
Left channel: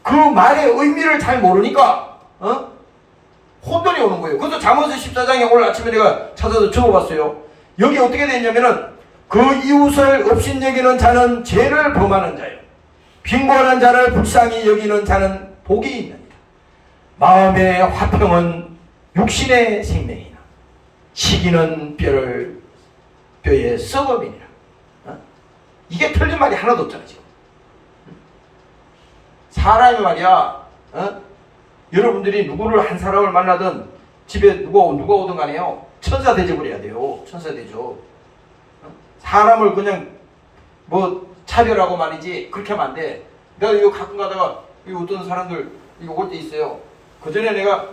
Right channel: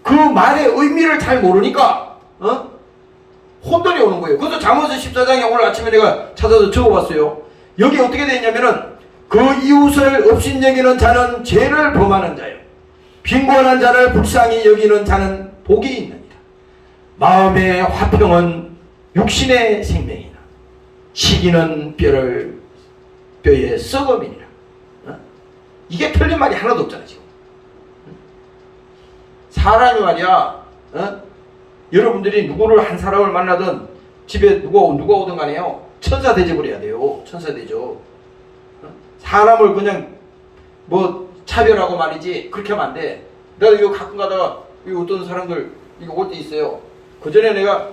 그 말의 의미를 잘 모르니까 혼돈이 오는 거예요. 그래서 잠언서 14장에 오늘 아침에 내가 찾아서 적어봤어요. 여기 어떻게 되어 있냐면은 그 이웃을 업신여기는 자는 죄를 범하는 자예요. 빈곤한 자를 불쌍히 여기는 자는 복이 있느니라. 마음의 화평은 육신의 생명이나 시기는 뼈의 썩음이니라. 이게 틀린 말이 하나도 없잖아 지금. 사람이 말이야, 여러분들이 누구를 한 사람을 만나든 집에 누가 오든 간에요, 천사 대접을 해야 돼요. 천사 대접. 사람을 그냥 차별하고 말이지 그렇게 하면 안 돼. 내가 이거 가끔 가다가 어떤 사람들 이거 올 때 있어요. 그 전에 내가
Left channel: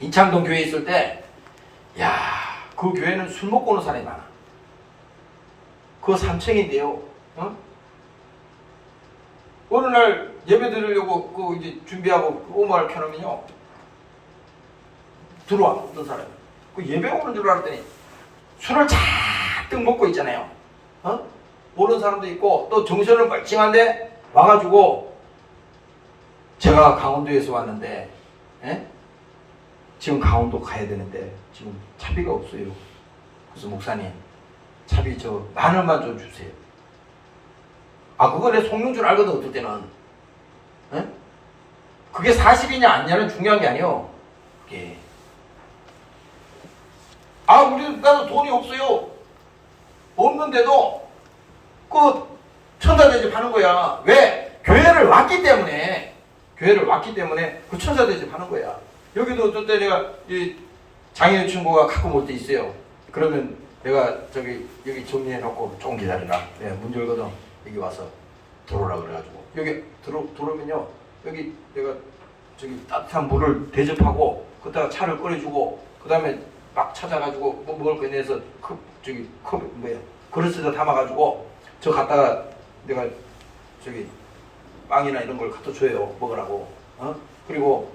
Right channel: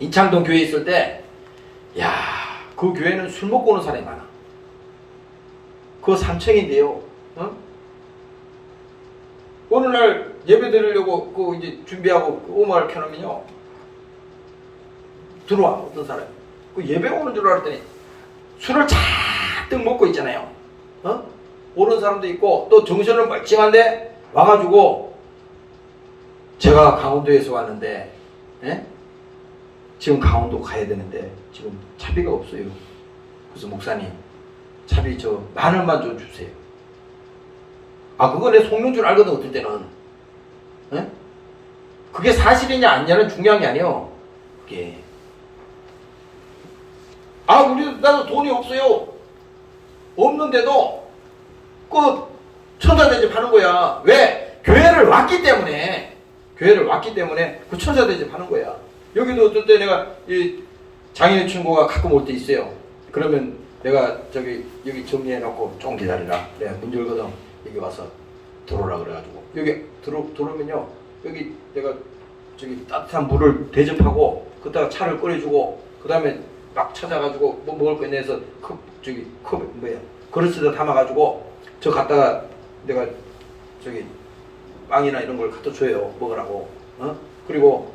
인창동 교회에 있을 때, 그 교회는 술 먹고 오는 사람이 많아. 그 3층인데요. 어느 날 예배 드리려고 이제 준비하고 음악을 켜놓으면요, 들어와 어떤 사람이. 그 예배 오는 줄 알았더니 술을 잔뜩 먹고 있잖아요. 오는 사람도 있고 또 정신은 멀쩡한데 와가지고 제가 강원도에서 왔는데 지금 강원도 가야 되는데 지금 차비가 없어요. 그래서 목사님 차비 저 10,000원만 좀 주세요. 그거 내 속는 줄 알거든 어떨 때는. 그게 사실이냐 아니냐는 중요한 게 아니에요. 나도 돈이 없어요. 없는데도 그 천사대접 하는 거야. 왜? 교회를 왔기 때문에 그 천사대접 하는 거야. 여기도 어떨 때 내가 이 장애인 친구가 가끔 올 때 있어요. 그러면 내가 여기 정리해놓고 좀 기다리라. 내가 문 열거든. 여기 와서 들어오라 그래가지고 여기 들어오면요, 여기 내가 따뜻한 물을 대접하고 그다가 차를 끓여주고 그 다음에 막 찾아가지고 뭐 먹을 거 내서 컵 그릇에다 담아가지고 저 갖다가 내가 빵이나 이런 걸 갖다 줘요. 먹으라고. 그리고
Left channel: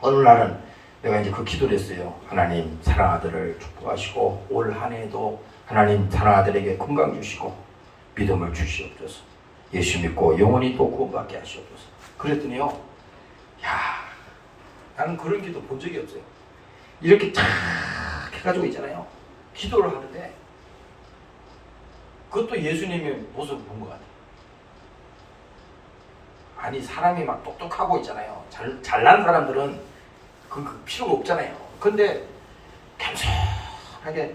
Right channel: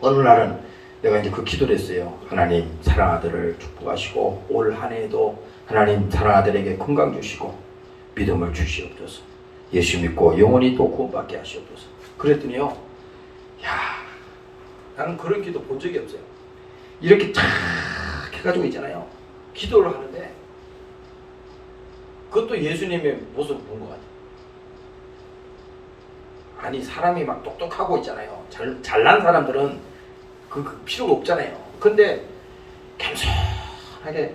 어느 날은 내가 이제 그 기도를 했어요. 하나님 사랑아들을 축복하시고 올 한 해에도 하나님 사랑아들에게 건강 주시고 믿음을 주시옵소서. 예수 믿고 영원히 또 구원받게 하시옵소서. 그랬더니요, 나는 그런 기도 본 적이 없어요. 이렇게 탁 해가지고 있잖아요. 기도를 하는데 그것도 예수님의 모습을 본 것 같아요. 아니 사람이 막 똑똑하고 있잖아요. 잘난 사람들은 그 필요가 없잖아요. 근데 시원하게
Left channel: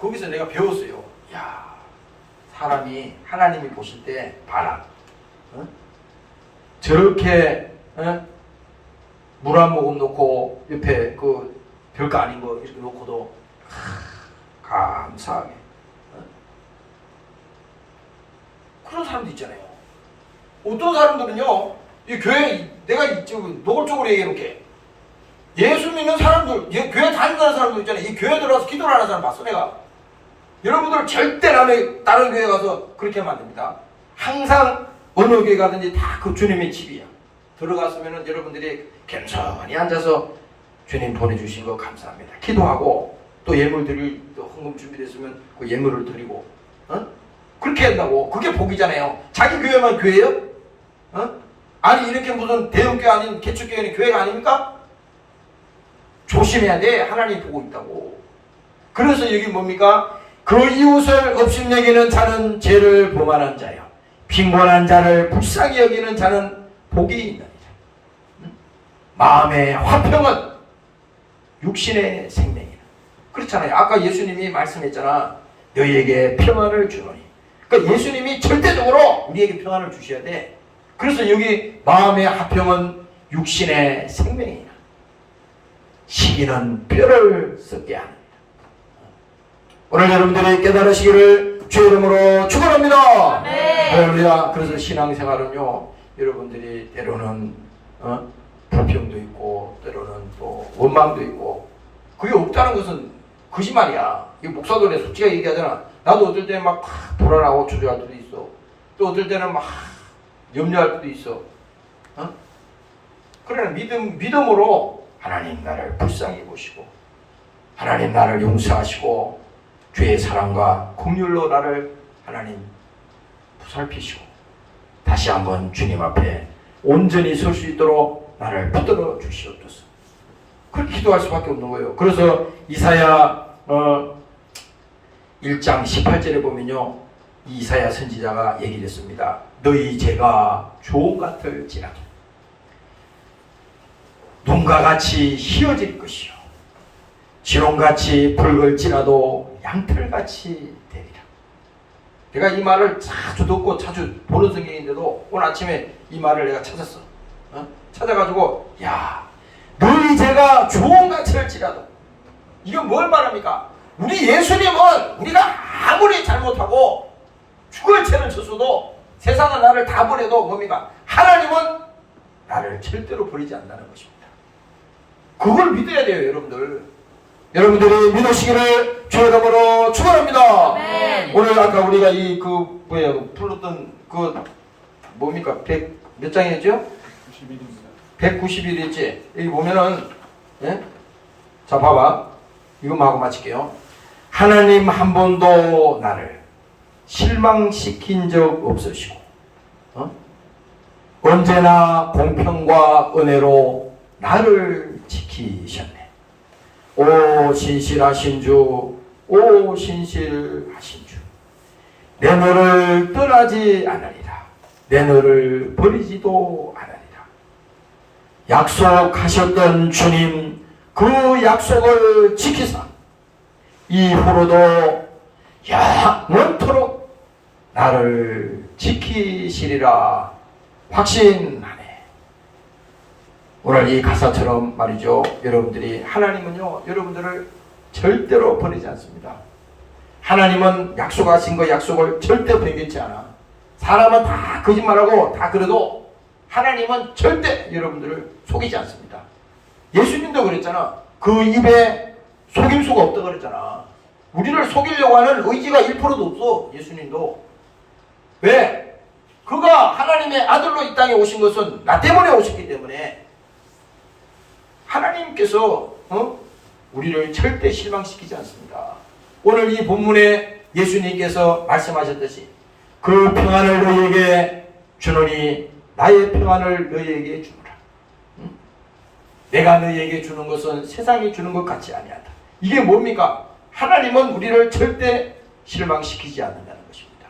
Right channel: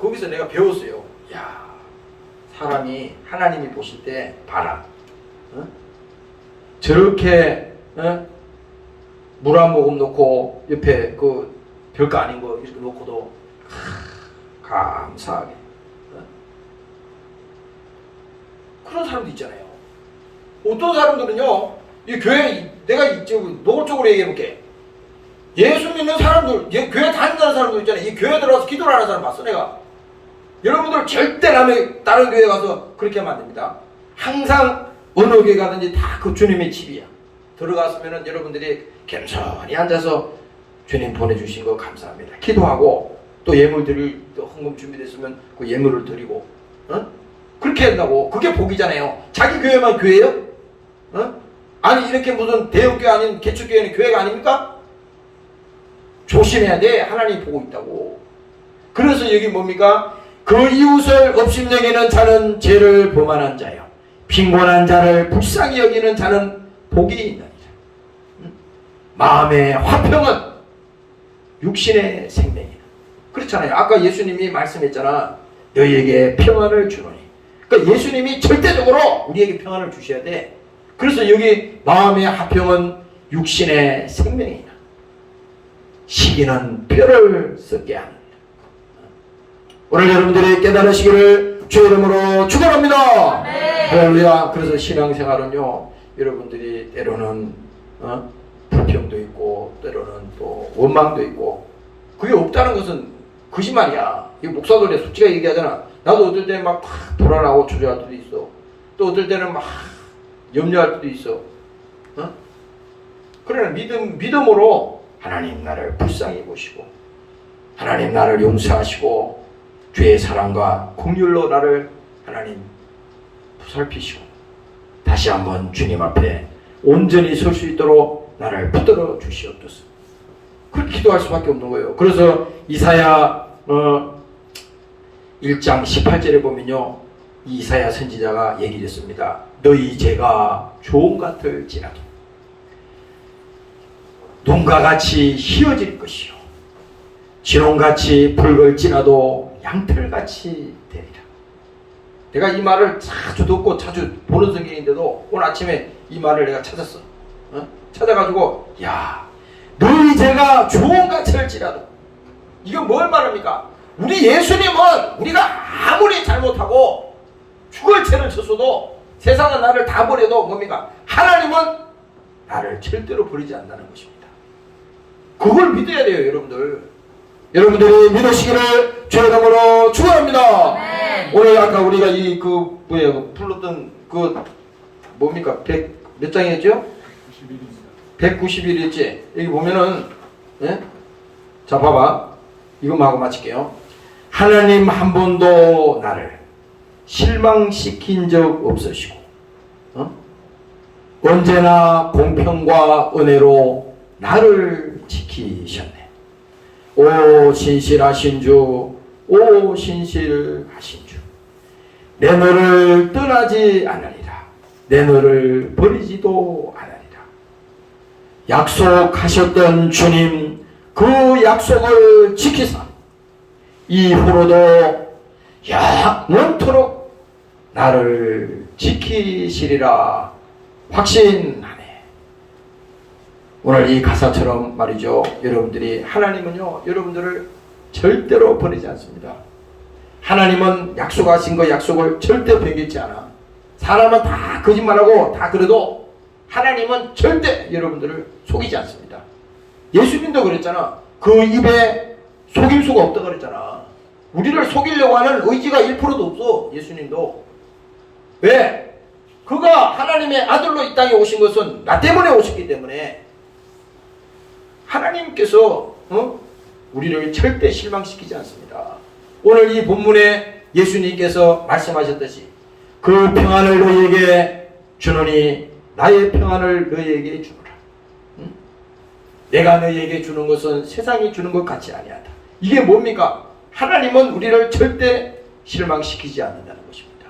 거기서 내가 배웠어요. 야, 사람이 하나님이 보실 때 봐라. 저렇게 물 한 모금 놓고 옆에 그 별거 아닌 거 이렇게 놓고도 감사하게 그런 사람도 있잖아요. 어떤 사람들은요, 이 교회 내가 노골적으로 얘기해볼게. 예수 믿는 사람들, 교회 다닌다는 사람들 있잖아요. 이 교회 들어와서 기도를 하는 사람 봤어 내가. 여러분들 절대 다른 교회 가서 그렇게 하면 안 됩니다. 항상 어느 교회 가든지 다 그 주님의 집이야. 들어갔으면 여러분들이 겸손히 앉아서 주님 보내주신 거 감사합니다. 기도하고 또 예물 드릴 또 헌금 준비됐으면 그 예물을 드리고 그렇게 한다고. 그게 복이잖아요. 자기 교회만 교회예요? 아니 이렇게 무슨 대형교회 아닌 개척교회는 교회가 아닙니까? 조심해야 돼. 하나님 보고 있다고. 그래서 여기 뭡니까? 그 이웃을 업신여기는 자는 죄를 범하는 자요, 빈곤한 자를 불쌍히 여기는 자는 복이 있느니라. 마음의 화평은 육신의 생명이라. 그렇잖아요. 아까 예수님이 말씀했잖아. 너희에게 평안을 주노니. 그러니까 예수님이 절대적으로 우리에게 평안을 주셔야 돼. 그래서 여기 마음의 화평은 육신의 생명이라. 시기는 뼈를 썩게 하느니라. 오늘 여러분들이 깨달으시기를 주의 이름으로 축원합니다. 할렐루야. 그래서 신앙생활은요, 여러분들이 때로는 불평도 있고 때로는 또 원망도 있고, 그게 없다는 것은 거짓말이야. 이 목사들이 솔직하게 얘기하잖아. 나도 어떨 때는 막 불안하고 초조할 때도 있어. 또 어떨 때는 막 염려할 때도 있어. 그러나 믿음으로 하나님 나를 불쌍히 보시고 하나님 나를 용서하시고 주의 사랑과 긍휼로 나를 하나님 보살피시고 다시 한번 주님 앞에 온전히 설 수 있도록 나를 붙들어 주시옵소서. 그렇게 기도할 수밖에 없는 거예요. 그래서 이사야 1장 18절에 보면요, 이사야 선지자가 얘기를 했습니다. 너희 죄가 조홍 같을지라도 눈과 같이 희어질 것이요 진홍같이 붉을지라도 양털같이 되리라. 내가 이 말을 자주 듣고 자주 보는 성경인데도 오늘 아침에 이 말을 내가 찾았어. 찾아가지고 야, 너희 죄가 조홍같이 할지라도, 이건 뭘 말합니까? 우리 예수님은 우리가 아무리 잘못하고 죽을 죄를 졌어도 세상은 나를 다 버려도 뭡니까? 하나님은 나를 절대로 버리지 않는다는 것입니다. 그걸 믿어야 돼요, 여러분들. 여러분들이 믿으시기를 주의 이름으로 축원합니다. 오늘 아까 우리가 불렀던 뭡니까? 몇 장이었죠? 191일째. 여기 보면은, 자, 봐봐. 이것만 하고 마칠게요. 하나님 한 번도 나를 실망시킨 적 없으시고, 언제나 공평과 은혜로 나를 지키셨네. 오 신실하신 주, 오 신실하신 주, 내 너를 떠나지 않으리라. 내 너를 버리지도 않으리라. 약속하셨던 주님, 그 약속을 지키사 이후로도 영원토록 나를 지키시리라 확신하네. 오늘 이 가사처럼 말이죠, 여러분들이, 하나님은요 여러분들을 절대로 버리지 않습니다. 하나님은 약속하신 그 약속을 절대 변경치 않아. 사람은 다 거짓말하고 다 그래도 하나님은 절대 여러분들을 속이지 않습니다. 예수님도 그랬잖아. 그 입에 속임수가 없다 그랬잖아. 우리를 속이려고 하는 의지가 1%도 없어. 예수님도. 왜? 그가 하나님의 아들로 이 땅에 오신 것은 나 때문에 오셨기 때문에 하나님께서 우리를 절대 실망시키지 않습니다. 오늘 이 본문에 예수님께서 말씀하셨듯이 그 평안을 너희에게 주노니 나의 평안을 너희에게 주노라. 내가 너희에게 주는 것은 세상이 주는 것 같이 아니하다. 이게 뭡니까? 하나님은 우리를 절대 실망시키지 않는다는 것입니다.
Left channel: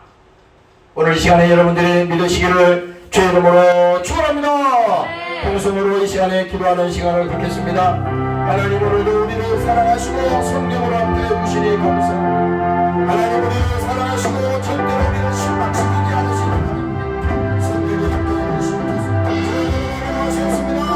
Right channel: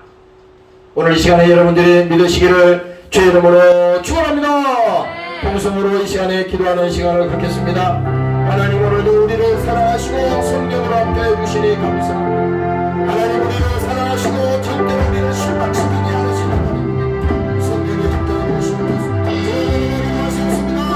오늘 이 시간에 여러분들이 믿으시기를 주의 이름으로 축원합니다. 통성으로 이 시간에 기도하는 시간을 갖겠습니다. 하나님, 오늘도 우리를 성령으로 함께해 주시니 감사합니다. 하나님 우리를 사랑하시고 절대로 우리를 실망시키지 않으시는 하나님 성령을 함께해 주시옵소서. 감사합니다.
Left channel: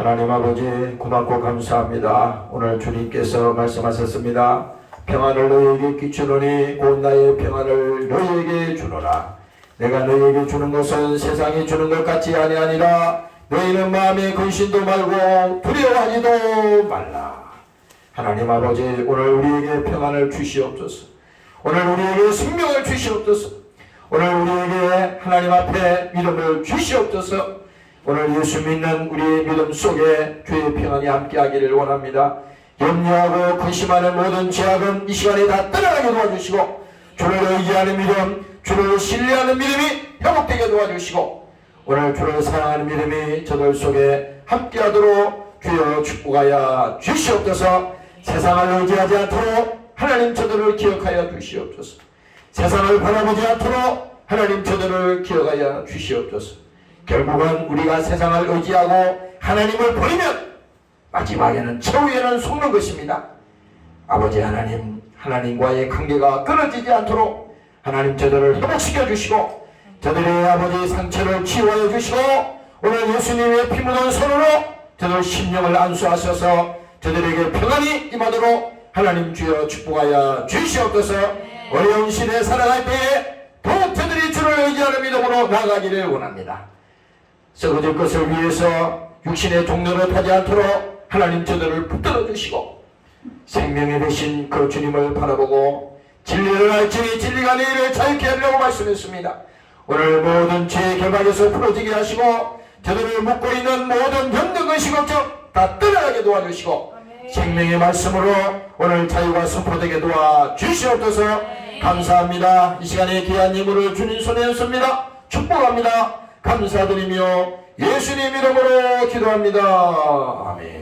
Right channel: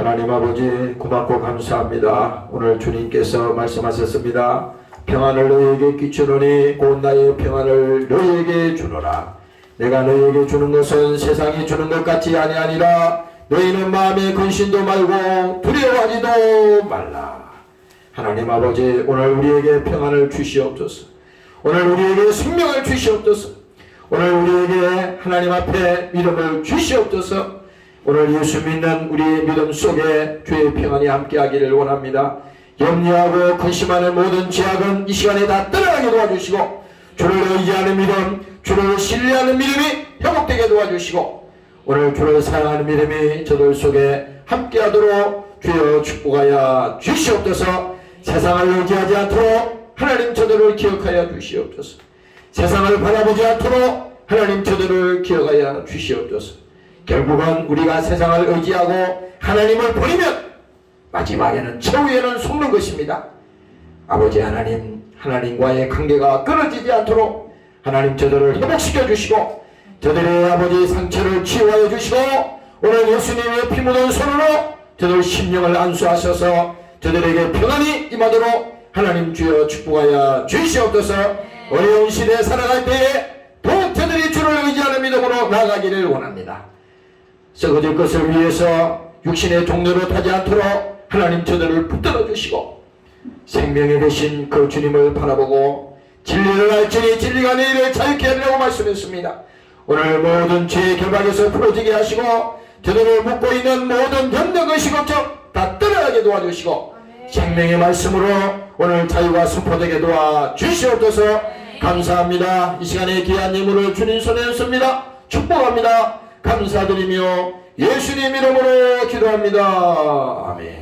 하나님 아버지 고맙고 감사합니다. 오늘 주님께서 말씀하셨습니다. 평안을 너희에게 끼치노니 곧 나의 평안을 너희에게 주노라. 내가 너희에게 주는 것은 세상이 주는 것 같이 아니하니라. 너희는 마음에 근심도 말고 두려워하지도 말라. 하나님 아버지 오늘 우리에게 평안을 주시옵소서. 오늘 우리에게 생명을 주시옵소서. 오늘 우리에게 하나님 앞에 믿음을 주시옵소서. 오늘 예수 믿는 우리의 믿음 속에 주의 평안이 함께하기를 원합니다. 염려하고 근심하는 모든 죄악은 이 시간에 다 떠나가게 도와주시고 주를 의지하는 믿음, 주를 신뢰하는 믿음이 회복되게 도와주시고 오늘 주를 사랑하는 믿음이 저들 속에 함께하도록 주여 축복하여 주시옵소서. 세상을 의지하지 않도록 하나님 저들을 기억하여 주시옵소서. 세상을 바라보지 않도록 하나님 저들을 기억하여 주시옵소서. 결국은 우리가 세상을 의지하고 하나님을 버리면 마지막에는 최후에는 속는 것입니다. 아버지 하나님, 하나님과의 관계가 끊어지지 않도록 하나님 저들을 회복시켜 주시고 저들의 아버지 상처를 치유하여 주시고 오늘 예수님의 피 묻은 손으로 저들 심령을 안수하셔서 저들에게 평안이 임하도록 하나님 주여 축복하여 주시옵소서. 어려운 시대에 살아갈 때에 더욱 저들이 주를 의지하는 믿음으로 나아가기를 원합니다. 썩어질 것을 위해서 육신의 종로로 타지 않도록 하나님 저들을 붙들어 주시고 생명의 대신 그 주님을 바라보고 진리를 알지니 진리가 너희를 자유케 하리라고 말씀했습니다. 오늘 모든 죄의 결박에서 풀어지게 하시고 저들을 묶고 있는 모든 염려의식 걱정 다 떠나가게 도와주시고 생명의 말씀으로 오늘 자유가 선포되게 도와주시옵소서. 감사합니다. 이 시간에 귀한 예물을 주님 손에 씁니다. 축복합니다. 감사드리며 예수님 이름으로 기도합니다. 아멘.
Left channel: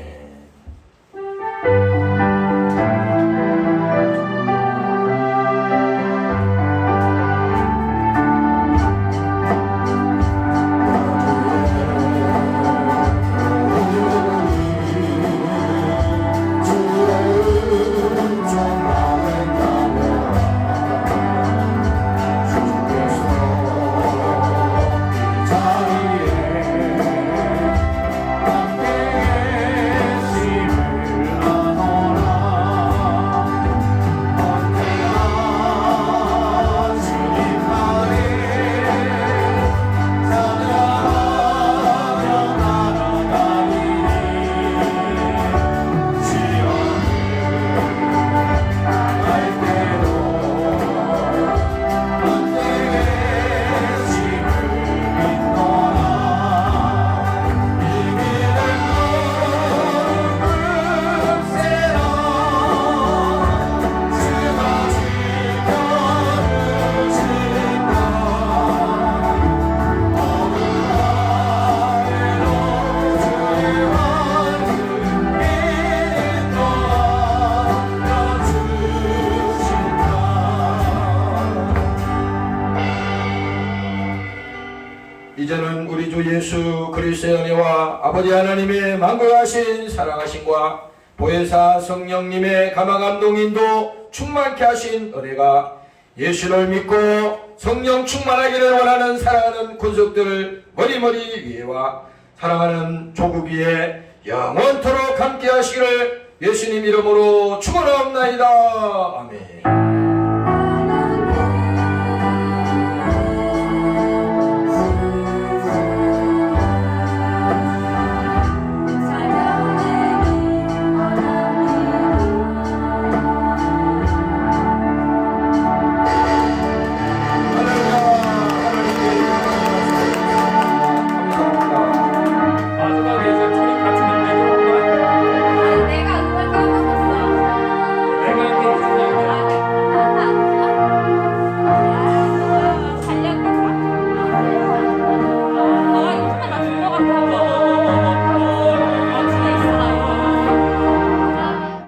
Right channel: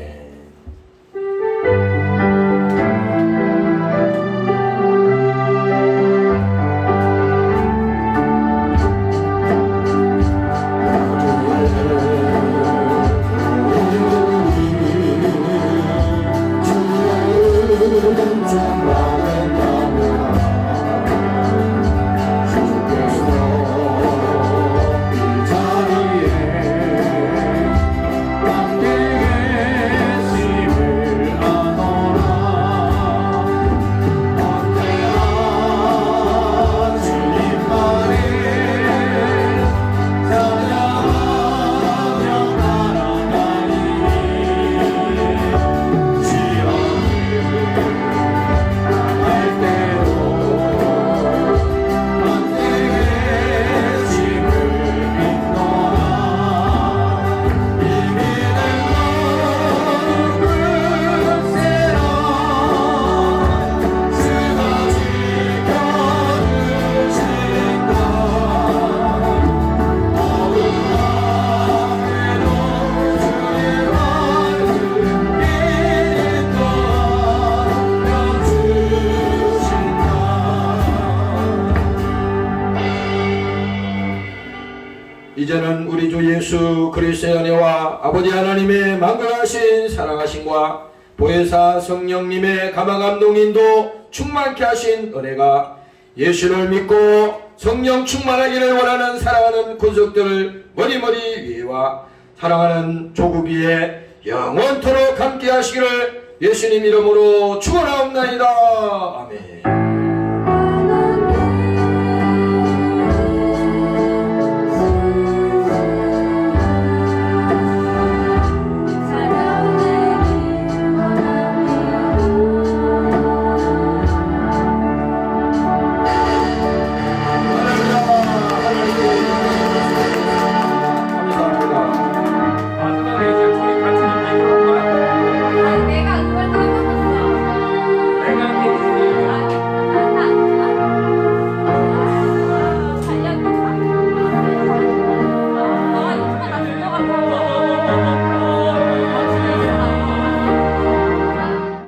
이제는 우리 주 예수 그리스도의 은혜와 아버지 하나님의 만국하신 사랑하심과 보혜사 성령님의 감화감동인도 충만케 하신 은혜가 예수를 믿고 성령 충만하기를 원하는 사랑하는 군속들을 머리머리 위에와 사랑하는 조국 위에 영원토록 함께 하시기를 예수님 이름으로 축원하옵나이다. 아멘.